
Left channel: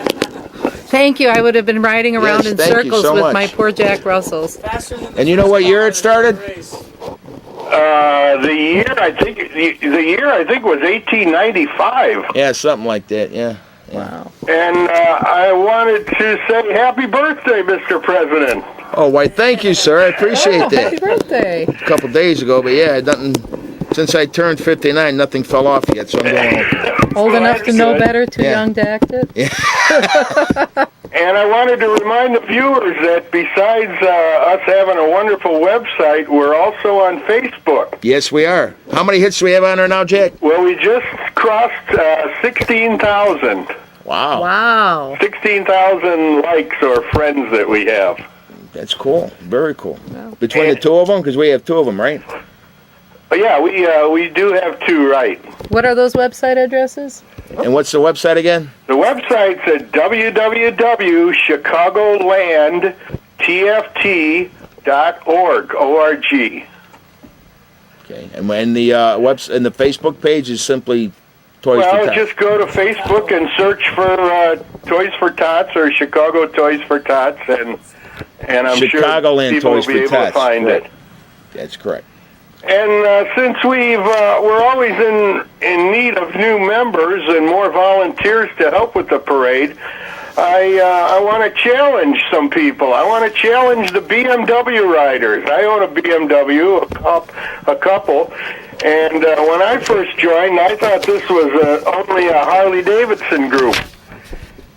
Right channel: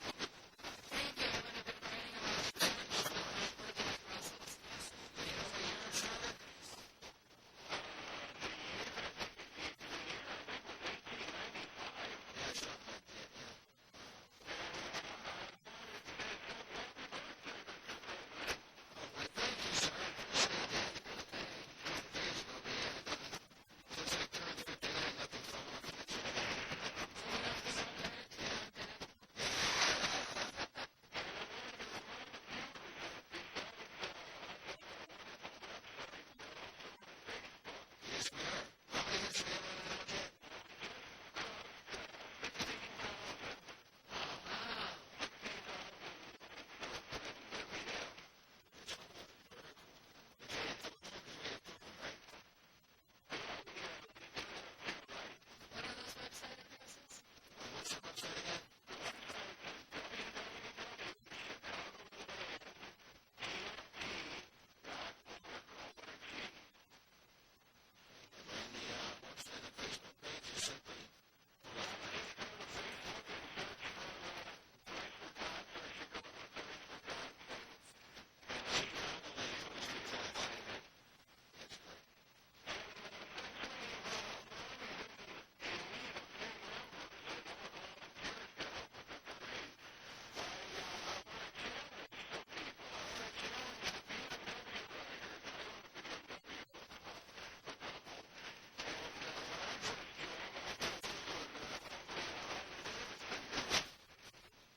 Thank you. I would have been riding around Yes, in thank you circles so with much. my poor Jack Russells. Faster than the And you know first what car year in it started? the race. The year I think was 1895. Yeah, something like that. Yeah. Wow. And I wanted to say happy birthday, Mr. President. Oh, why? Thank you, sir. I appreciate Happy that. birthday. A couple days ago, but yeah, nothing. Since I turned 59, nothing fell off yet, so I'm going. Old enough to that's know good. better, too Yeah. young to act it? And I wanted to remind the viewers that besides us having a wonderful website, we're also on Facebook. Yes, we are. How many hits do we have on there now, Jack? Well, we just crossed 16,000. Wow. Wow. 16,000 likes or friends that we have. That's cool. Very cool. Wow. Between the two of them, because we have two of them, right? But yeah, we do have two, right? What are those website addresses? And what's the website again? The website's at www.chicagolandtft.org. O-R-G. Okay. And when the and the Facebook page is simply Toys for Well, Tots. just go to Facebook and search for Toys for Tots or Chicago Toys for Tots, and I'm Chicagoland sure people Toys will be for able Tots. to find Right. it. That's correct. And since we're always in need of new members and more volunteers to help with the parade, I want to challenge some people. I want to challenge the BMW riders. I own a BMW, a couple, and when I first joined, I thought this was only a Harley-Davidson group.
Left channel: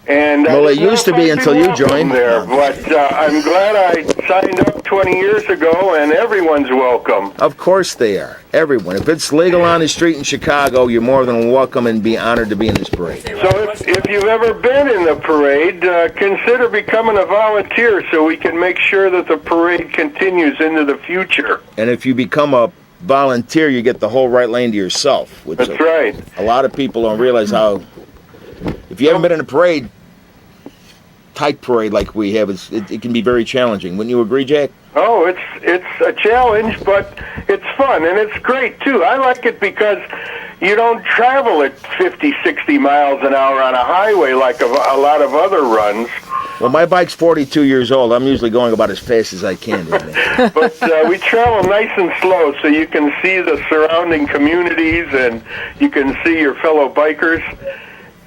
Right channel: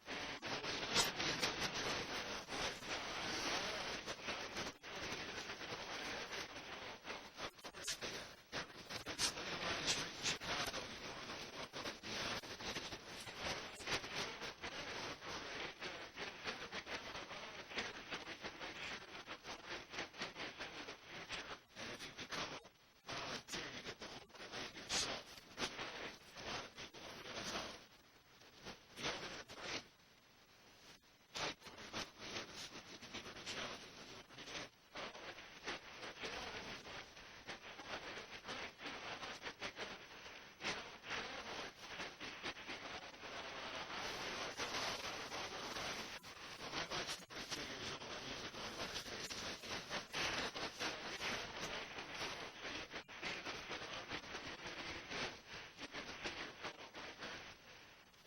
And Well, it I don't used to know be if I'd until you welcome joined. there, but I'm glad I signed up 20 years ago, and everyone's welcome. Of course they are. Everyone. If it's legal on the street in Chicago, you're more than welcome and be honored to be in this parade. So if you've ever been in the parade, consider becoming a volunteer so we can make sure that the parade continues into the future. And if you become a volunteer, you get the whole right lane to yourself. Which That's right. A lot of people don't realize how. If you haven't been in a parade, tight parade like we have, it can be very challenging. Wouldn't you agree, Jack? Oh, it's a challenge, but it's fun, and it's great, too. I like it because you don't travel at 50, 60 miles an hour on a highway like a lot of other runs. Well, my bike's 42 years old. I'm usually going about as fast as I can. But we travel nice and slow so you can see the surrounding communities and you can see your fellow bikers.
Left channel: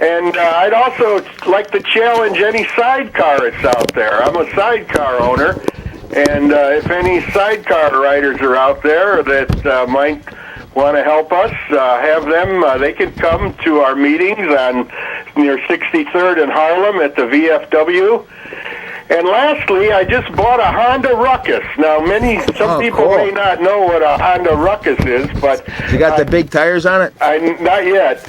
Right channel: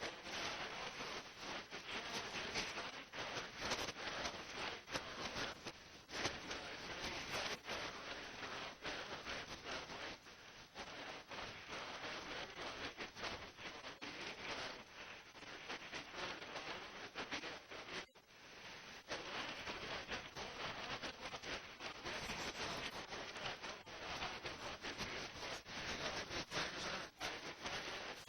And I'd also like to challenge any sidecarists out there. I'm a sidecar owner, and if any sidecar riders are out there that might want to help us, have them. They could come to our meetings on near 63rd and Harlem at the VFW. And lastly, I just bought a Honda Ruckus. Now, some people cool. may not know what a Honda Ruckus is, but You got the big tires on it? not yet.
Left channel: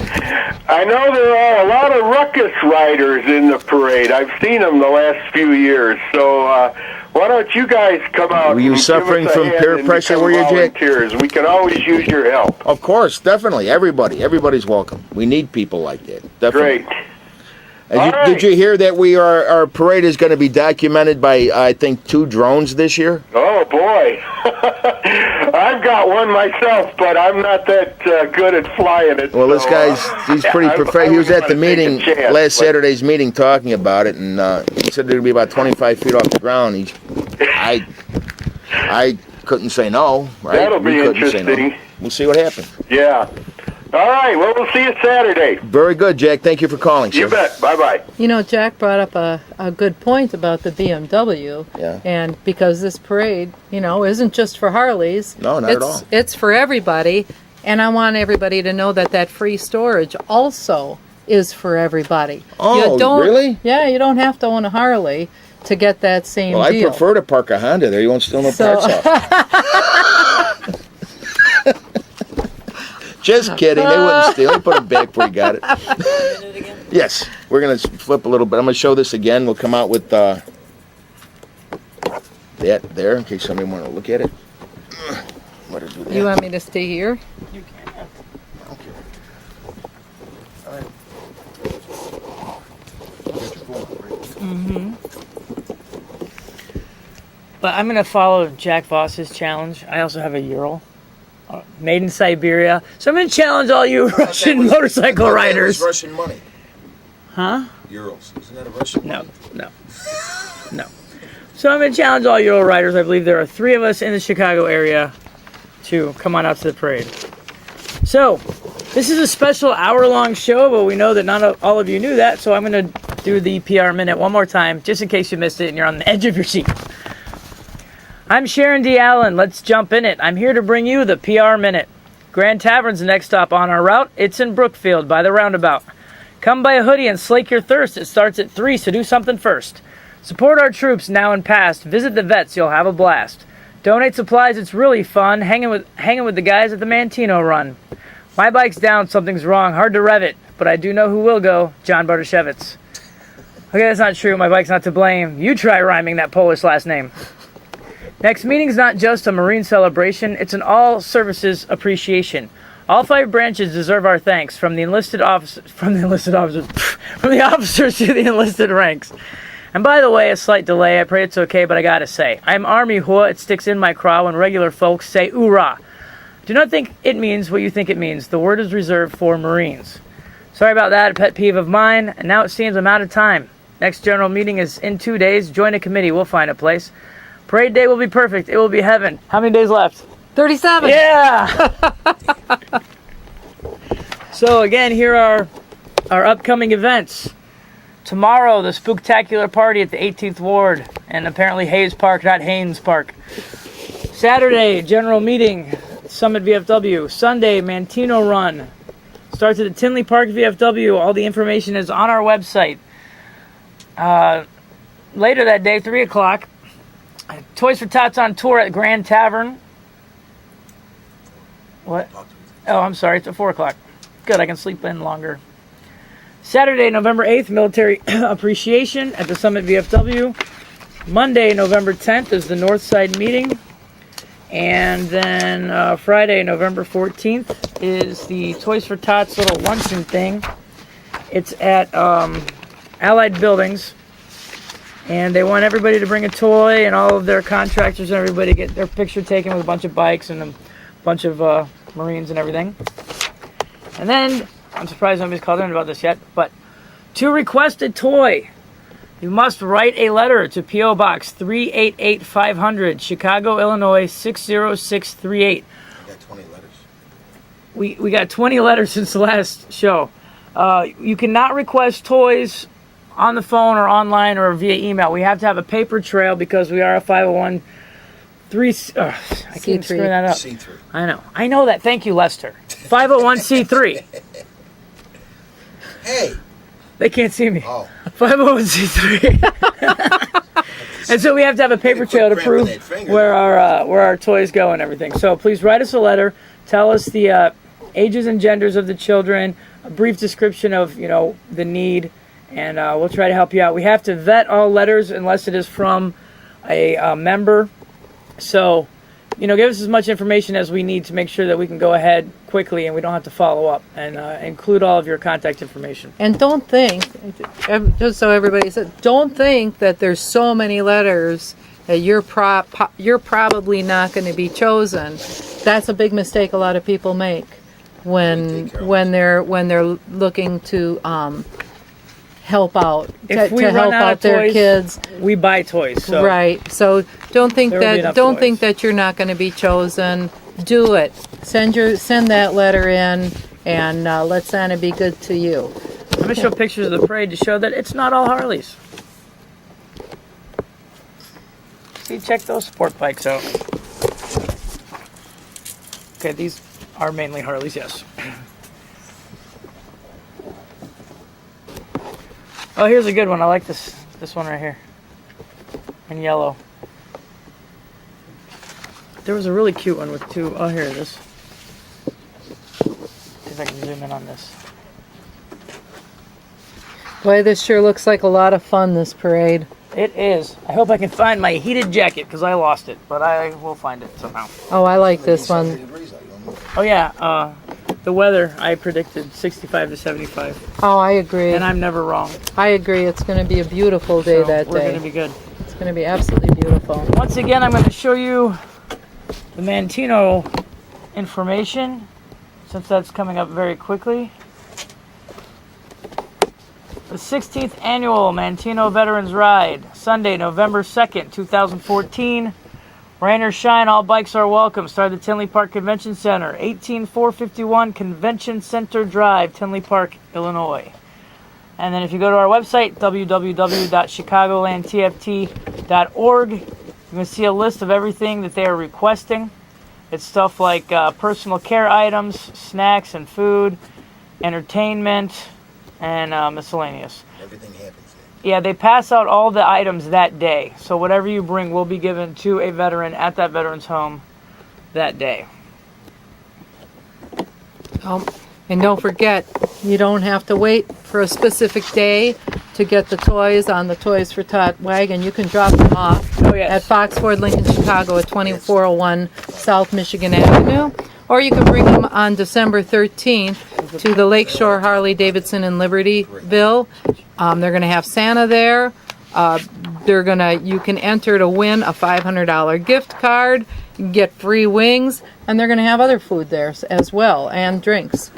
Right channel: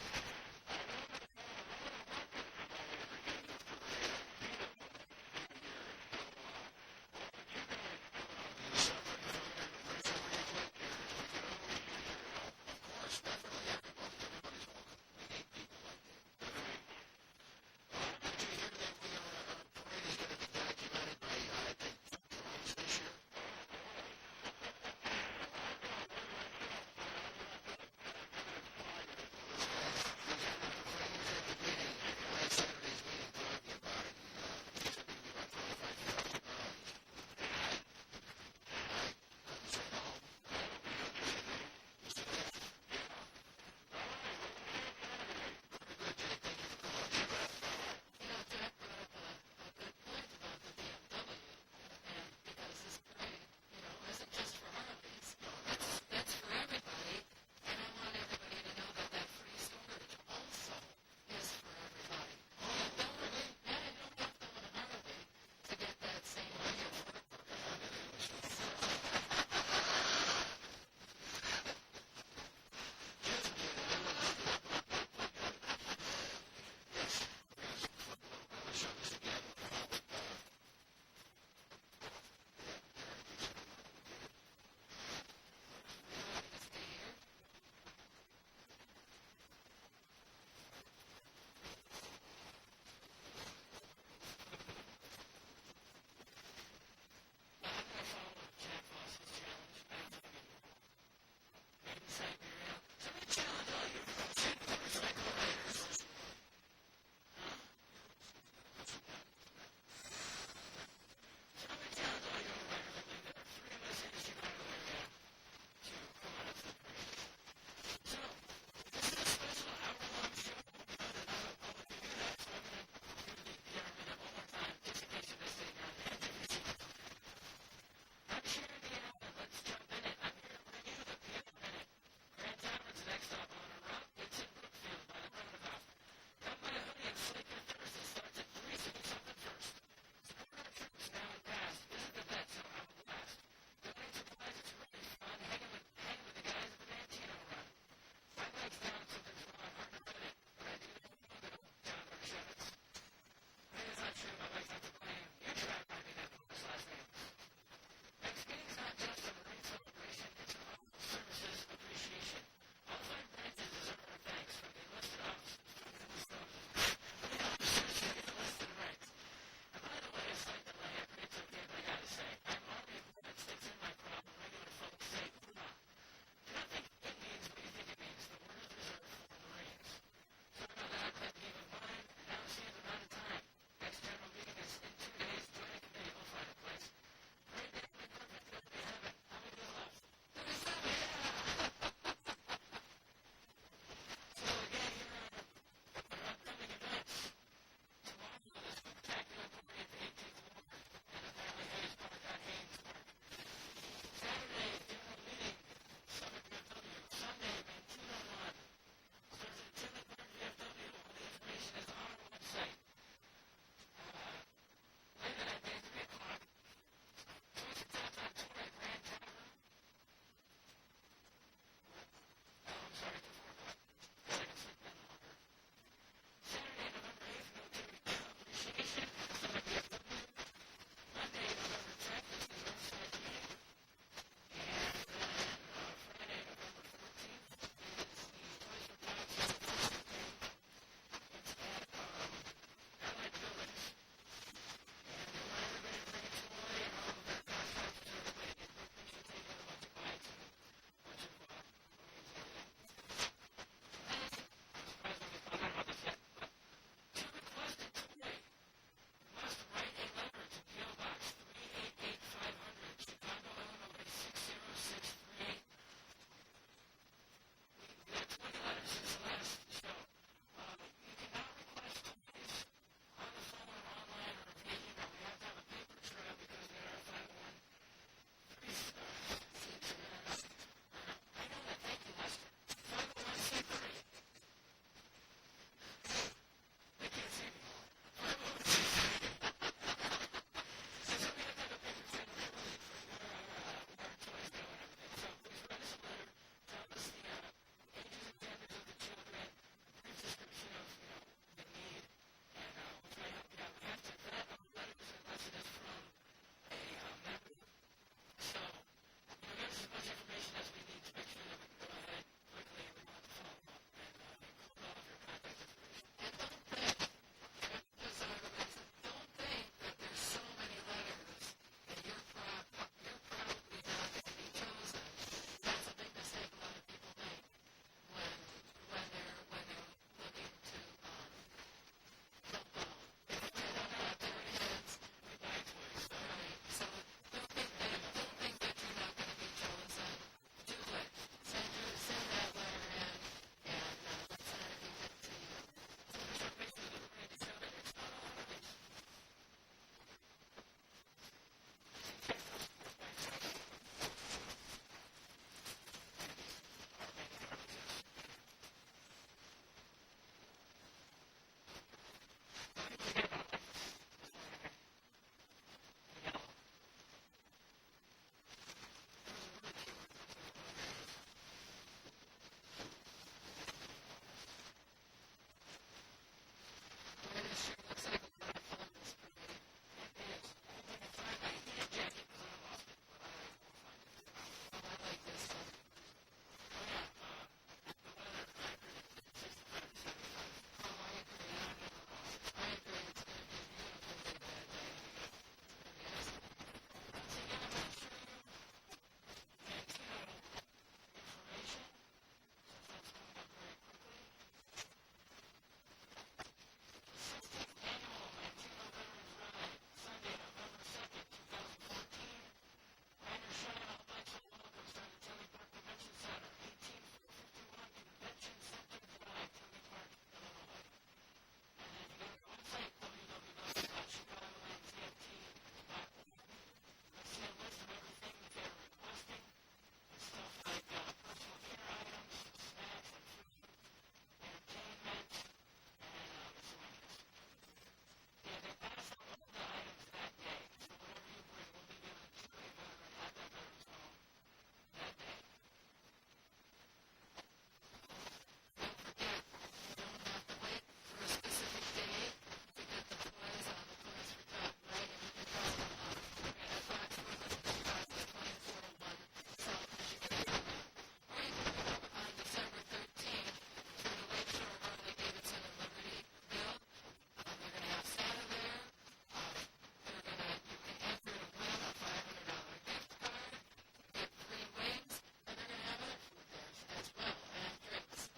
I know there are a lot of Ruckus riders in the parade. I've seen them the last few years. So why don't you guys come out? Were you and give suffering us a from hand peer and pressure, become were you, Jake? volunteers. We can always use your help. Of course, definitely. Everybody's welcome. We need people like that. Definitely. Great. Did you hear that our parade is going to be documented by, I think, 2 drones this year? Oh, boy. I've got one myself, but I'm not that good at flying it. Well, this so, he's pretty professional. He was at the meeting, last but Saturday's meeting, talking about it, and he said it would be about 25 feet off the ground. I couldn't say no, right? That'll We be couldn't say no. interesting. We'll see what happens. Yeah. All right. Well, we'll see you Saturday. Very good, Jack. Thank you for calling, sir. You bet. Bye-bye. You know, Jack brought up a good point about the BMW. Yeah. And because this parade, isn't just for Harleys. No, not at all. It's for everybody. And I want everybody to know that free storage also is for everybody. Oh, really? Yeah, you don't have to own a Harley to get that same Well, I deal. prefer to park a Honda there. You won't steal no parts off. Just kidding. They wouldn't steal. They put it back where you got it. Yes. We're going to flip a little bit. I'm going to show this again. We'll come out with that there in case somebody want to look at it. What did You want me to stay here? But I'm going to follow Jack Voss's challenge. I also have a Ural, made in Siberia. So I'm going to challenge all you Russian motorcycle riders. Russian money. Huh? Euros. Isn't that a Russian No, money? no. So I'm going to challenge all Ural riders. I believe there are 3 of us in the Chicago area to come on out to the parade. So, this is a special hour-long show, but we know that not all of you knew that, so I'm going to do the PR Minute one more time, just in case you missed it and you're on the edge of your seat. I'm Sharon D. Allen. Let's jump in it. I'm here to bring you the PR Minute. Grand Tavern's the next stop on our route. It's in Brookfield by the roundabout. Come buy a hoodie and slake your thirst. It starts at 3, so do something first. Support our troops now and past. Visit the vets. You'll have a blast. Donate supplies. It's really fun. Hanging with the guys at the Mantino Run. My bike's down. Something's wrong. Hard to rev it. But I do know who will go. John Bartoshevitz. Okay, that's not true. My bike's not to blame. You try rhyming that Polish last name. Next meeting's not just a Marine celebration. It's an all-services appreciation. All 5 branches deserve our thanks, from the officers to the enlisted ranks. And by the way, a slight delay. I pray it's okay, but I gotta say, I'm Army Hua. It sticks in my craw when regular folks say "oorah." Do not think it means what you think it means. The word is reserved for Marines. Sorry about that, a pet peeve of mine. And now it seems I'm out of time. Next general meeting is in 2 days. Join a committee. We'll find a place. Parade day will be perfect. It will be heaven. How many days left? 37. Yeah! So again, here are our upcoming events. Tomorrow, the spooktacular party at the 18th Ward, and apparently Hayes Park, not Haynes Park. Saturday, general meeting, Summit VFW. Sunday, Mantino Run. Starts at the Tinley Park VFW. All the information is on our website. Later that day, 3 o'clock, Toys for Tots on tour at Grand Tavern. What? Oh, I'm sorry. It's at 4 o'clock. Good, I can sleep in longer. Saturday, November 8th, Military Appreciation at the Summit VFW. Monday, November 10th is the Northside meeting. And then Friday, November 14th is the Toys for Tots little luncheon thing. It's at Allied Buildings. And they want everybody to bring a toy, and all of their contractors and everybody get their picture taken with a bunch of bikes and a bunch of Marines and everything. And then, I'm surprised nobody's called in about this yet, but to request a toy, you must write a letter to P.O. Box 388500, Chicago, Illinois 60638. I got 20 letters. We got 20 letters since the last show. You cannot request toys on the phone or online or via email. We have to have a paper trail because we are a 501 I can't screw that up. C3. I know that. Thank you, Lester. 501c3. Hey. They can't see me. Oh. 501c3. And so we have to have a paper trail to prove where our toys go and everything. So please write us a letter. Tell us the ages and genders of the children, a brief description of the need, and we'll try to help you out. We have to vet all letters unless it is from a member. So, give us as much information as we need to make sure that we can go ahead quickly and we don't have to follow up, and include all of your contact information. And don't think, just so everybody says, don't think that there's so many letters that you're probably not going to be chosen. That's a big mistake a lot of people make when they're looking to help out, If we to run help out out of their toys, kids. we buy toys. So Right. So don't think There will be enough toys. that you're not going to be chosen. Do it. Send that letter in, and let Santa be good to you. I'm going to show pictures of the parade to show that it's not all Harleys. See, check those sport bikes out. Okay, these are mainly Harleys, yes. Oh, here's a good one. I like this one right here. In yellow. There was a really cute one with two. Oh, here it is. See if I can zoom in on this. Boy, this sure looks like a lot of fun, this parade. It is. I hope I can find my heated jacket because I lost it, but I will find it somehow. Oh, I like this 70 one. degrees out, you don't know. Oh yeah, the weather I predicted 65 to 75, Oh, I agree. and I'm never wrong. I agree. It's going to be a beautiful day So that we're day. going to be good. It's going to be absolutely beautiful. Once again, I'm going to show you the Mantino information, since that's coming up very quickly. The 16th Annual Mantino Veterans Ride, Sunday, November 2nd, 2014. Rain or shine, all bikes are welcome. Start at the Tinley Park Convention Center, 18451 Convention Center Drive, Tinley Park, Illinois. And then if you go to our website, www.chicagolandtft.org, you can see a list of everything that they are requesting. It's stuff like personal care items, snacks and food, entertainment, and miscellaneous. Everything happens there. Yeah, they pass out all the items that day. So whatever you bring will be given to a veteran at that veteran's home that day. And don't forget, you don't have to wait for a specific day to get the toys on the Toys for Tot wagon. You can drop them off at Fox Ford Lincoln Chicago at 2401 South Michigan Avenue. Or you can bring them on December 13th to the Lakeshore Harley Davidson in Libertyville. They're going to have Santa there. You can enter to win a $500 gift card, get free wings, and they're going to have other food there as well, and drinks.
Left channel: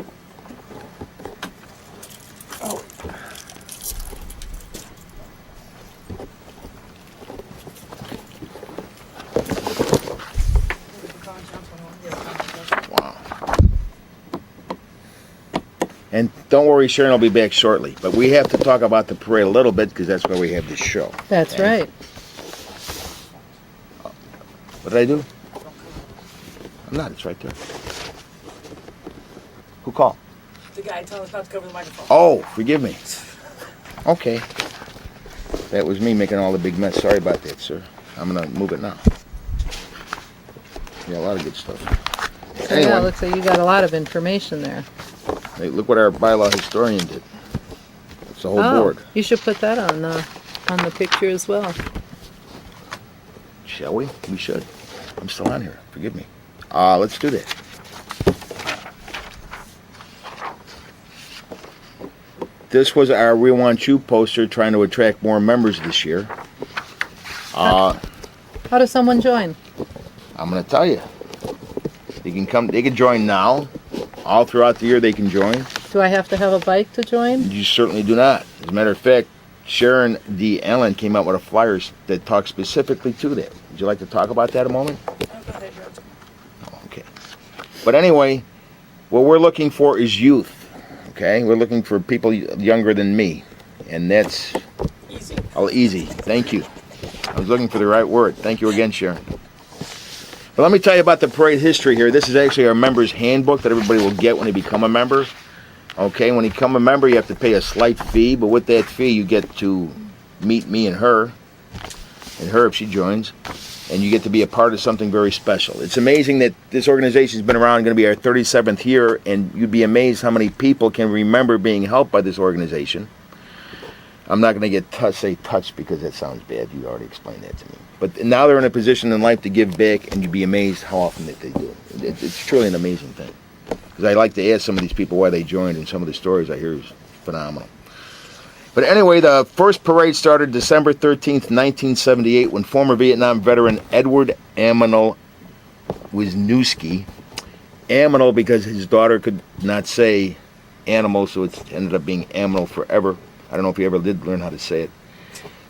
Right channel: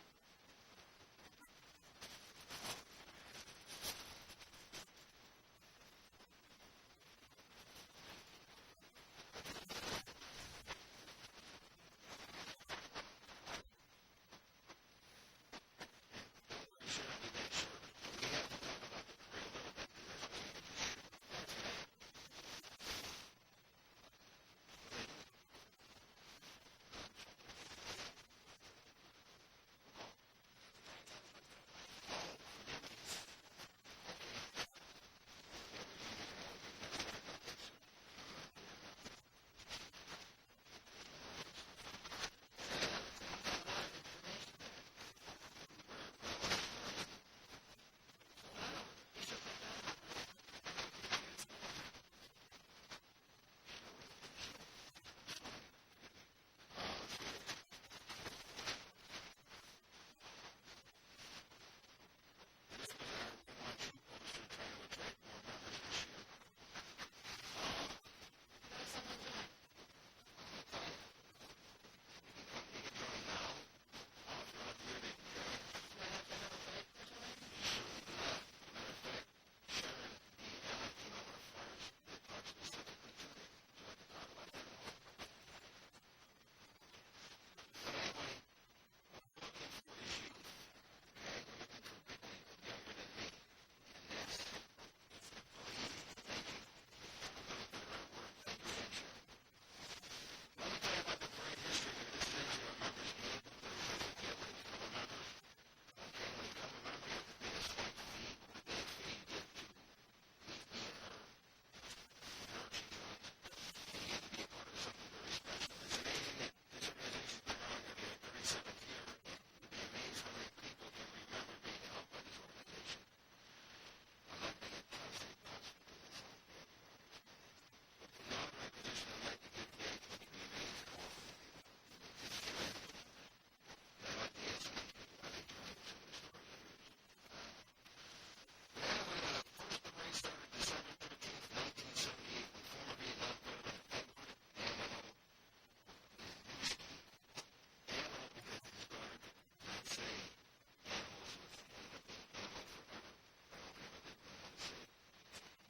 And don't worry, Sharon will be back shortly. But we have to talk about the parade a little bit because that's why we have this show. That's right. What did I do? I'm not. It's right there. Who called? The guy telling us not to cover the microphone. Oh, forgive me. Okay. That was me making all the big mess. Sorry about that, sir. I'm going to move it now. Yeah, a lot of good stuff. Anyway, Yeah, it looks like you got a lot of information there. hey, look what our bylaw historian did. It's the whole board. You should put that on the picture as well. Shall we? We should. I'm still on here. Forgive me. Let's do that. This was our We Want You poster trying to attract more members this year. How does someone join? I'm going to tell you. They can come. They can join now. All throughout the year they can join. Do I have to have a bike to join? You certainly do not. As a matter of fact, Sharon D. Allen came out with a flyer that talks specifically to that. Would you like to talk about that a moment? Oh, okay. But anyway, what we're looking for is youth. Okay? We're looking for people younger than me. And that's Easy. all easy. Thank you. I was looking for the right word. Thank you again, Sharon. But let me tell you about the parade history here. This is actually our member's handbook that everybody will get when they become a member. Okay, when you become a member, you have to pay a slight fee, but with that fee, you get to meet me and her if she joins, and you get to be a part of something very special. It's amazing that this organization has been around, going to be our 37th year, and you'd be amazed how many people can remember being helped by this organization. I'm not going to say touched because that sounds bad. You already explained that to me. But now they're in a position in life to give back, and you'd be amazed how often that they do it. It's truly an amazing thing. Because I like to ask some of these people why they joined, and some of the stories I hear is phenomenal. But anyway, the first parade started December 13th, 1978, when former Vietnam veteran Edward Aminal Wisniewski, Aminal because his daughter could not say animal, so it ended up being Aminal forever. I don't know if he ever did learn how to say it.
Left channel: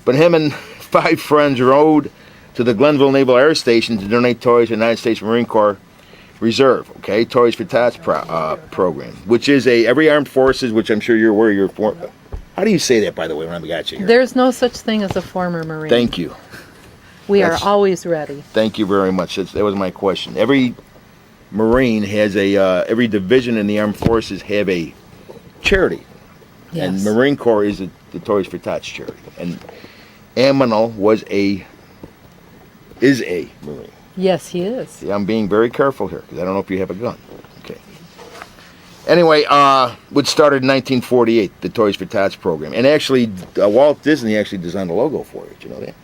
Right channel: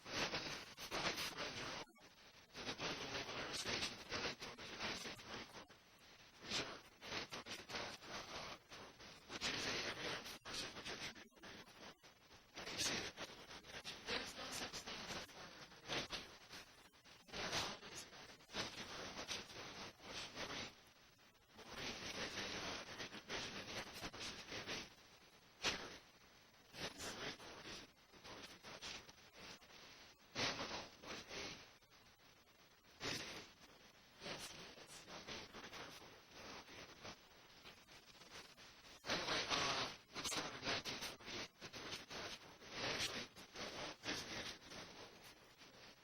But him and 5 friends rode to the Glenville Naval Air Station to donate toys to the United States Marine Corps Reserve, okay, Toys for Tots program, which is every armed forces, which I'm sure you're aware you're for. How do you say that, by the way, when I got you here? There's no such thing as a former Marine. Thank you. We are always ready. Thank you very much. That was my question. Every Marine has every division in the armed forces have a charity. Yes. And Marine Corps is the Toys for Tots charity. And Aminal is a Marine. Yes, he is. See, I'm being very careful here because I don't know if you have a gun. Okay. Anyway, which started in 1948, the Toys for Tots program. And actually, Walt Disney actually designed the logo for it. You know that?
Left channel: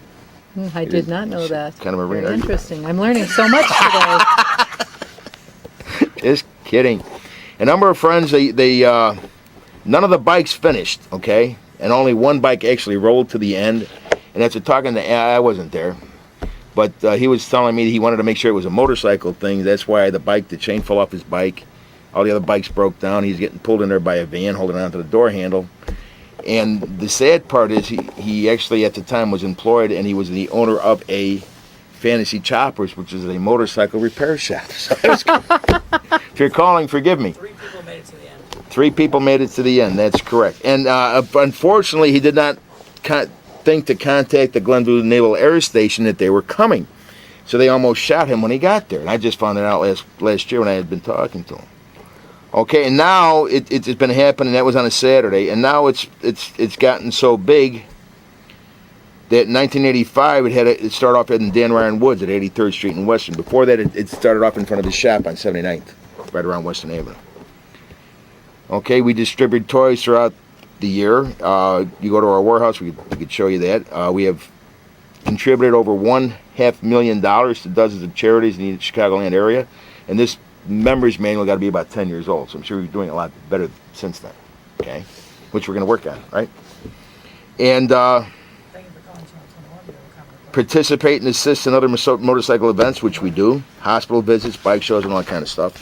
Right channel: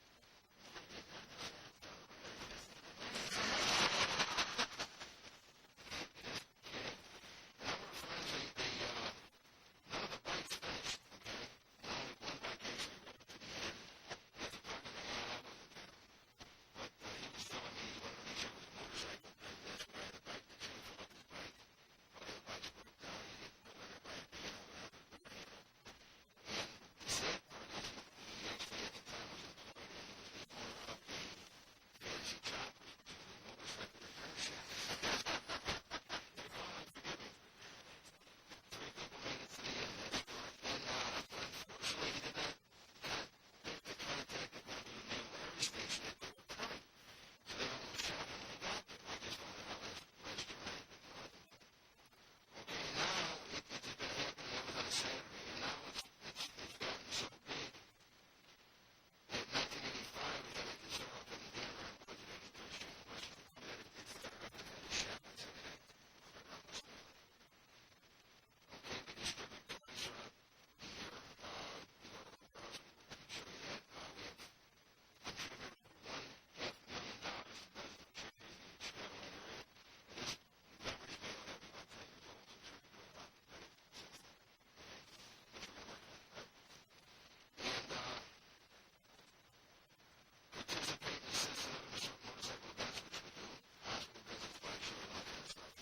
I did not know that. Kind of a Marine. Very interesting. I'm learning so much today. Just kidding. A number of friends, they none of the bikes finished, okay? And only one bike actually rolled to the end. And after talking to, I wasn't there, but he was telling me that he wanted to make sure it was a motorcycle thing. That's why the chain fell off his bike. All the other bikes broke down. He's getting pulled in there by a van holding on to the door handle. And the sad part is he actually at the time was employed, and he was the owner of a Fantasy Choppers, which is a motorcycle repair shop. So if you're calling, forgive me. 3 people made it to the end. 3 people made it to the end. That's correct. And unfortunately, he did not think to contact the Glenview Naval Air Station that they were coming. So they almost shot him when he got there. And I just found it out last year when I had been talking to him. Okay, and now it's been happening. That was on a Saturday, and now it's gotten so big that in 1985 it started off in Dan Ryan Woods at 83rd Street in Western. Before that, it started off in front of his shop on 79th, right around Western Avenue. Okay, we distribute toys throughout the year. You go to our warehouse, we could show you that. We have contributed over $1.5 million to dozens of charities in the Chicagoland area, and this member's manual got to be about 10 years old, so I'm sure you're doing a lot better since then, okay? Which we're going to work on, right? And participate and assist in other motorcycle events, which we do, hospital visits, bike shows, and all that kind of stuff.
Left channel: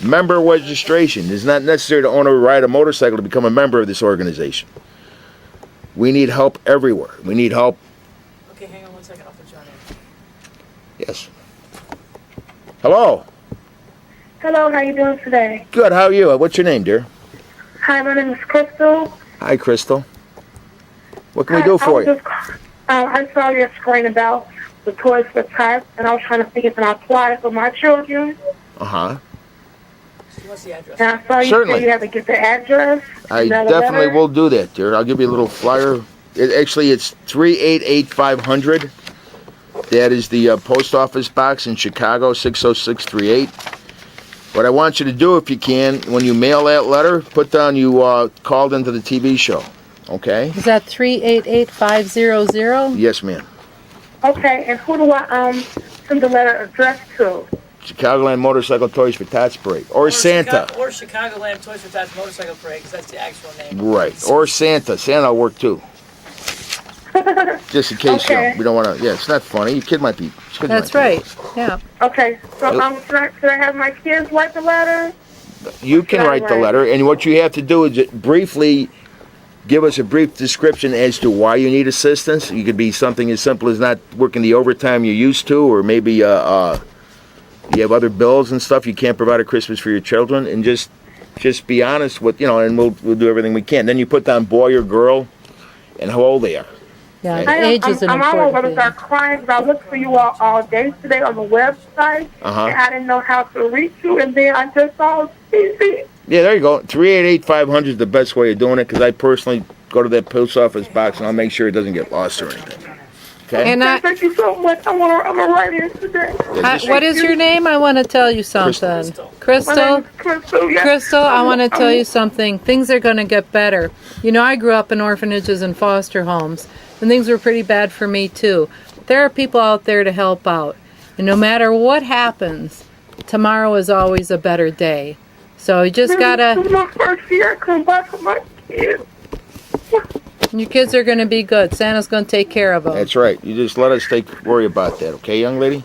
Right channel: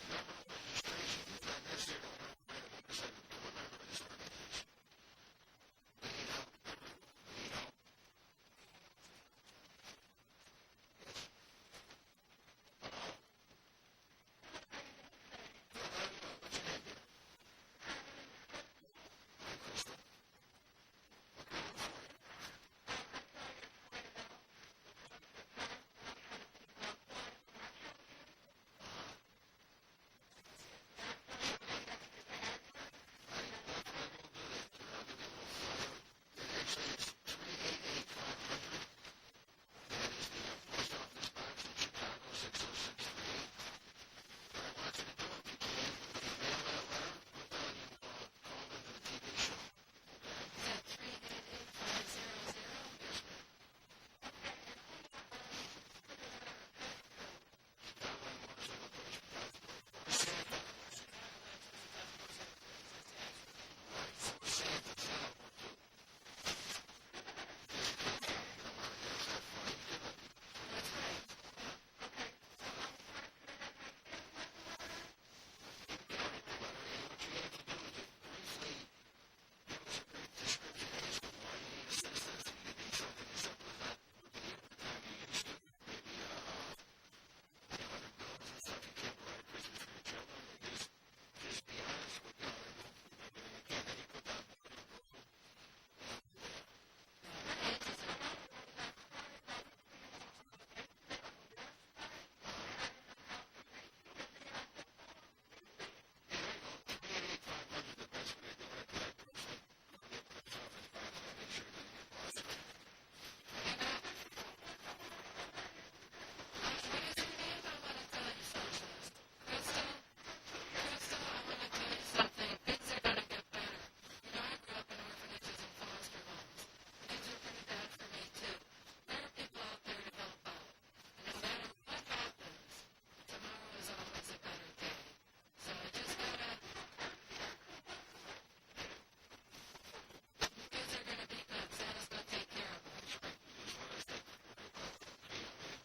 Member registration. It's not necessary to own or ride a motorcycle to become a member of this organization. We need help everywhere. We need help. Okay, hang on 1 second. I'll put you on air. Yes. Hello. Hello, how you doing today? Good. How are you? What's your name, dear? Hi, my name is Crystal. Hi, Crystal. What can we do for you? I saw your screen about the Toys for Tots, and I was trying to see if I apply for my children. Uh-huh. What's the address? And I saw you Certainly. say you have to get the address. I definitely will do that, dear. I'll give you a little flyer. It's 388-500. That is the post office box in Chicago, 60638. What I want you to do, if you can, when you mail that letter, put down you called into the TV show. Okay? Is that 388-500? Yes, ma'am. Okay, and who do I send the letter addressed to? Chicagoland Motorcycle Toys for Tots Parade. Or Santa. Or Chicagoland Toys for Tots Motorcycle Parade, because that's the actual name. Right. Or Santa. Santa will work too. Just in case, Okay. we don't want to. Yeah, it's not funny. Your kid might be. That's right. Yeah. Okay, so should I have my kids write the letter? You can write the letter, and what you have to do is briefly give us a brief description as to why you need assistance. You could be something as simple as not working the overtime you're used to, or maybe you have other bills and stuff you can't provide at Christmas for your children, and just be honest with, and we'll do everything we can. Then you put down boy or girl and how old they are. Yeah, Okay. age is an I'm almost important going to thing. start crying because I looked for you all day today on the website, Uh-huh. and I didn't know how to reach you, and then I just saw TV. Yeah, there you go. 388-500 is the best way of doing it, because I personally go to that post office box and I'll make sure it doesn't get lost or anything. Okay? And Thank you so much. I'm gonna write in today. what is your name? I want to tell you something. My name Crystal? is Crystal. Yes. Crystal, I want to tell you something. Things are going to get better. I grew up in orphanages and foster homes, and things were pretty bad for me too. There are people out there to help out. And no matter what happens, tomorrow is always a better day. So you just got This to... is my first year. I come back for my kids. Your kids are going to be good. Santa's going to take care of them. That's right. You just let us worry about that, okay, young lady?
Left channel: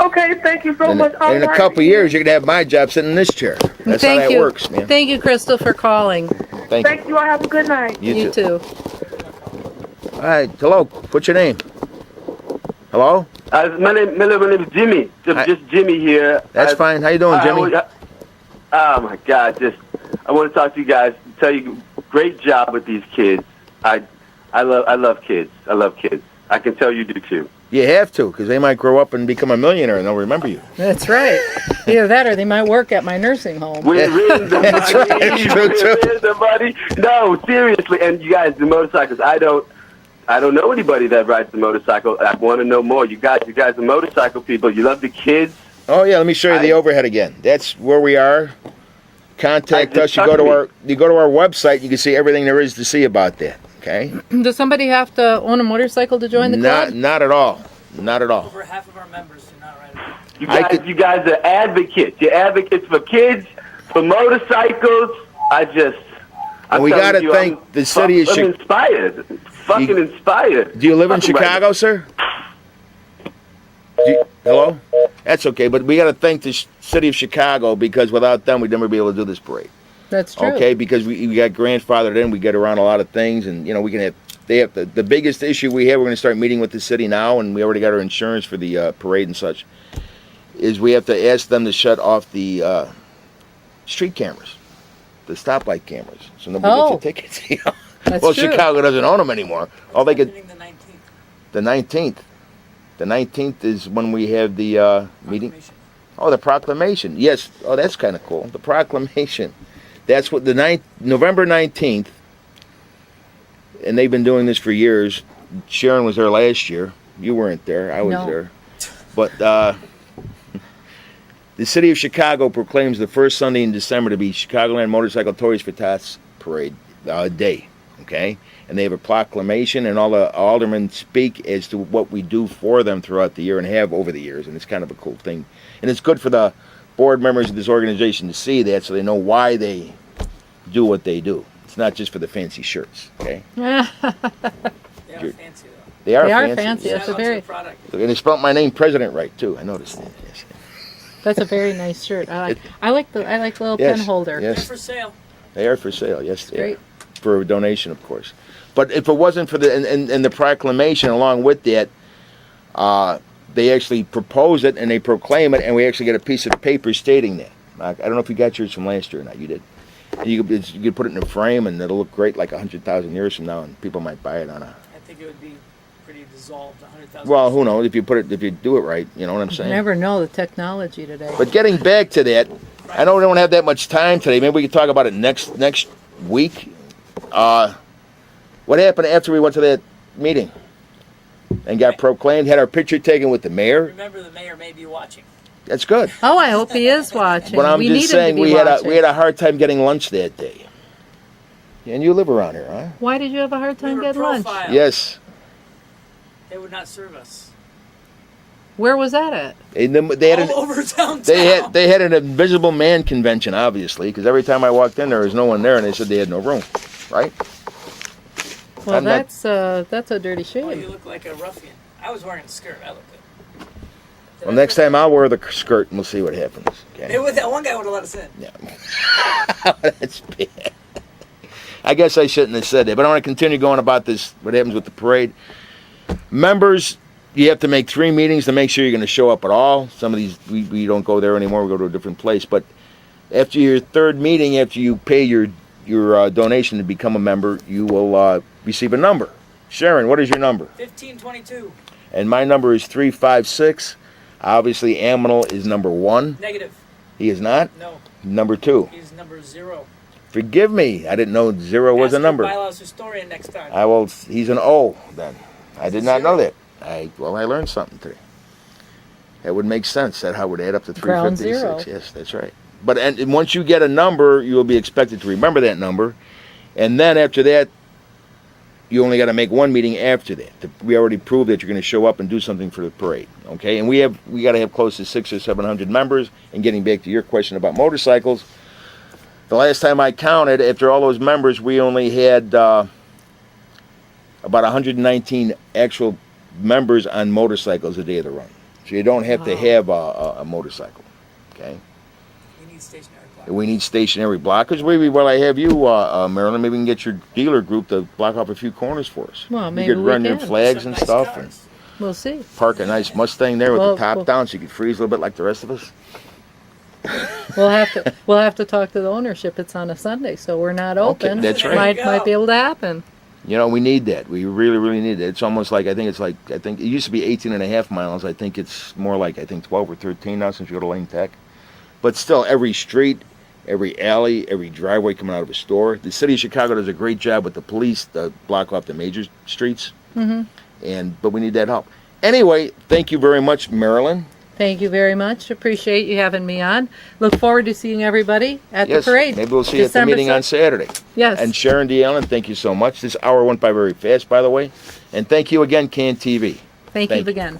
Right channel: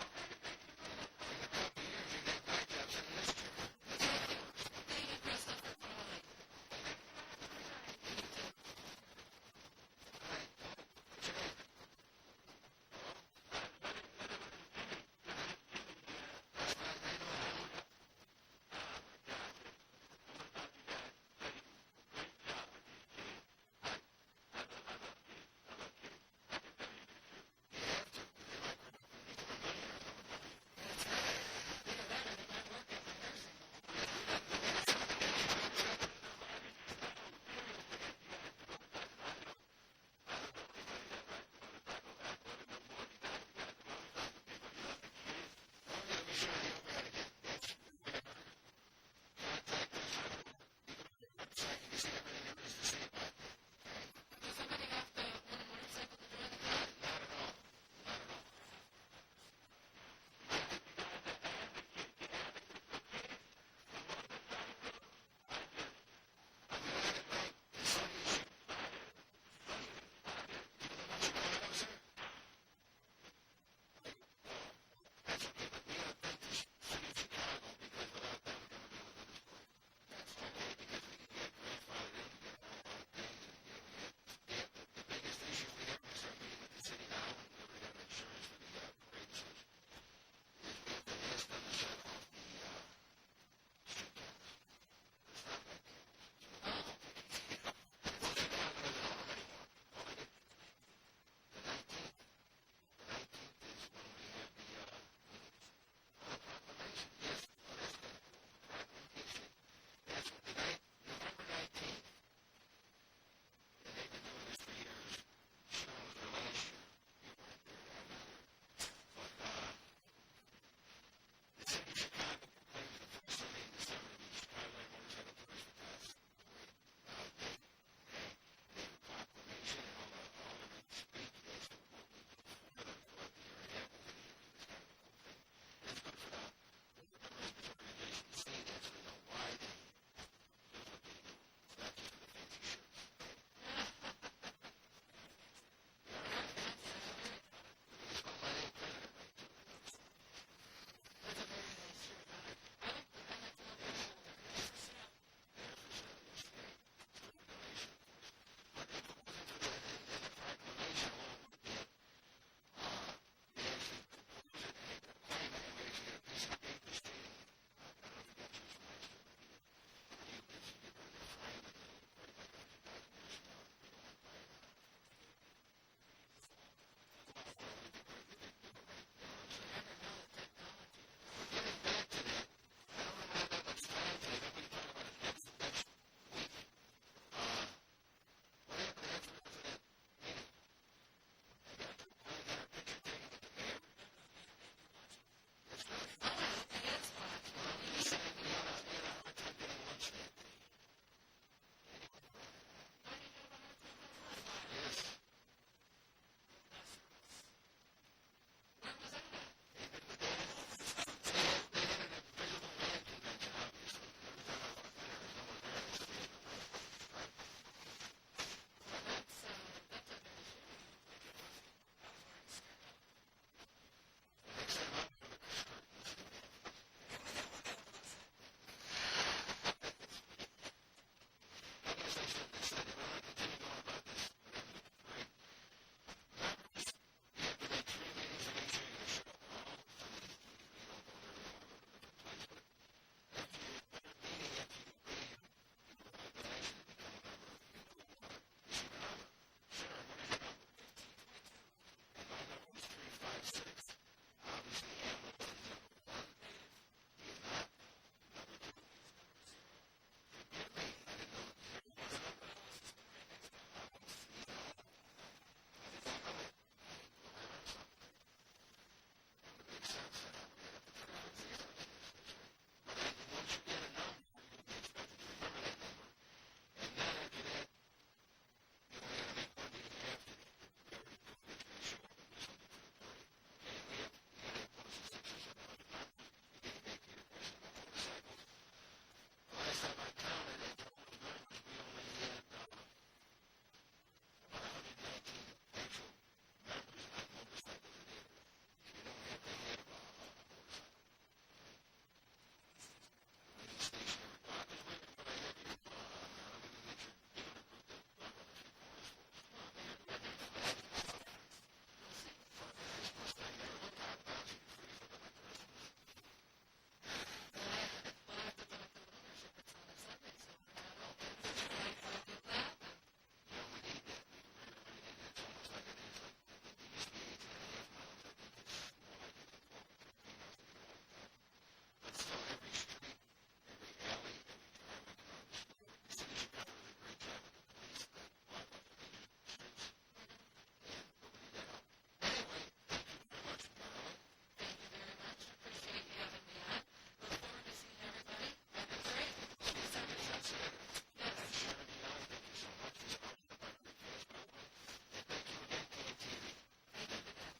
Okay, thank you so much. And in a couple of years, you're going to have my job sitting in this chair. That's how that works, man. Thank you, Crystal, for calling. Thank you. Thank you. I have a good night. You too. All right. Hello. What's your name? Hello? My name is Jimmy. Just Jimmy here. That's fine. How you doing, Jimmy? Oh my God! I want to talk to you guys. Tell you, great job with these kids. I love kids. I love kids. I can tell you do too. You have to, because they might grow up and become a millionaire and they'll remember you. That's right. Either that or they might work at my nursing home. We're raising the money. That's right. True, true. We're raising the money. No, seriously. And you guys, the motorcycles. I don't know anybody that rides the motorcycle. I want to know more. You guys are motorcycle people. You love the kids. Oh yeah, let me show you the overhead again. That's where we are. Contact us. You go to our website. You can see everything there is to see about that. Okay. Does somebody have to own a motorcycle to join the club? Not at all. Not at all. Over half of our members do not ride it. You guys are advocates. You're advocates for kids, for motorcycles. We got to thank the city of Chicago. I'm inspired. Fucking inspired. Do you live in Chicago, sir? Hello? That's okay, but we got to thank the city of Chicago, because without them, we'd never be able to do this parade. That's true. Okay, because we got grandfathered in, we get around a lot of things, and we can have they have the biggest issue we have. We're going to start meeting with the city now, and we already got our insurance for the parade and such. Is we have to ask them to shut off the street cameras, the stoplight cameras, so nobody gets their tickets. You know? That's Well, true. Chicago doesn't own them anymore. All they get Meeting the 19th. the 19th. The 19th is when we have the meeting. Oh, the proclamation. Yes. Oh, that's kind of cool. The proclamation. That's what November 19th. And they've been doing this for years. Sharon was there last year. You weren't there. I was No. there. But the city of Chicago proclaims the first Sunday in December to be Chicagoland Motorcycle Toys for Tots Parade Day. Okay? And they have a proclamation, and all the aldermen speak as to what we do for them throughout the year and have over the years. And it's kind of a cool thing. And it's good for the board members of this organization to see that so they know why they do what they do. It's not just for the fancy shirts. Okay? They are fancy, though. They are They are fancy. fancy. Yes. That's a very, And they spelled my name President right too. I noticed that. Yes. that's a very nice shirt. I like the little Yes, pen holder. They're yes. for sale. They are for sale. Yes, they Great. are. For a donation, of course. But if it wasn't for the and the proclamation along with that, they actually propose it and they proclaim it, and we actually get a piece of paper stating that. I don't know if you got yours from last year or not. You did. And you could put it in a frame, and it'll look great like 100,000 years from now, and people might buy it on a. I think it would be pretty dissolved, 100,000. Well, who knows if you do it right? You know what I'm You saying? never know the technology today. But getting back to that, I know we don't have that much time today. Maybe we can talk about it next week. What happened after we went to that meeting and got proclaimed? Had our picture taken with the mayor. Remember, the mayor may be watching. That's good. Oh, I hope he is watching. But I'm we need just him saying to be we watching. had a hard time getting lunch that day. And you live around here, huh? Why did you have a hard We time were getting lunch? profiled. Yes. They would not serve us. Where was that at? They had All over downtown. they had an invisible man convention, obviously, because every time I walked in there was no one there, and they said they had no room, right? Well, I'm not- that's a dirty Well, you shame. look like a ruffian. I was wearing a skirt. I look good. Well, next time I'll wear the skirt, and we'll see what happens. Okay? That one guy would have let us in. Yeah. That's bad. I guess I shouldn't have said that, but I want to continue going about this, what happens with the parade. Members, you have to make 3 meetings to make sure you're going to show up at all. Some of these, we don't go there anymore. We go to a different place. But after your 3rd meeting, after you pay your donation to become a member, you will receive a number. Sharon, what is your number? 1522. And my number is 356. Obviously, Aminal is number 1. Negative. He is not? No. Number 2. He's number 0. Forgive me. I didn't know 0 was a Ask number. your bylaws historian next time. He's an O then. I did not know that. I learned something today. That would make sense. That how it would add up to Ground 356. zero. Yes, that's right. But and once you get a number, you will be expected to remember that number. And then after that, you only got to make 1 meeting after that. We already proved that you're going to show up and do something for the parade. Okay? And we got to have close to 600 or 700 members. And getting back to your question about motorcycles, the last time I counted, after all those members, we only had about 119 actual members on motorcycles the day of the run. So you don't have to have a motorcycle. Okay? We need stationary block. We need stationary blockers. Maybe while I have you, Marilyn, maybe we can get your dealer group to block off a few corners for us. Well, maybe you could we run your can. flags Some and nice stuff cars. and We'll see. park a nice Mustang there with Well, the top well- down so you could freeze a little bit like the rest of us. We'll have to talk to the ownership. It's on a Sunday, so we're not open. that's right. Might There you go. be able to happen. You know, we need that. We really, really need it. It's almost like, I think it used to be 18.5 miles. I think it's more like, 12 or 13 now since you go to Lane Tech. But still, every street, every alley, every driveway coming out of a store. The city of Chicago does a great job with the police to block off the major streets. Mm-hmm. But we need that help. Anyway, thank you very much, Marilyn. Thank you very much. Appreciate you having me on. Look forward to seeing everybody at Yes, the parade. maybe we'll see you at the December meeting on 6th. Saturday. Yes. And Sharon D. Allen, thank you so much. This hour went by very fast, by the way. And thank you again, CAN TV. Thank thank you you. again.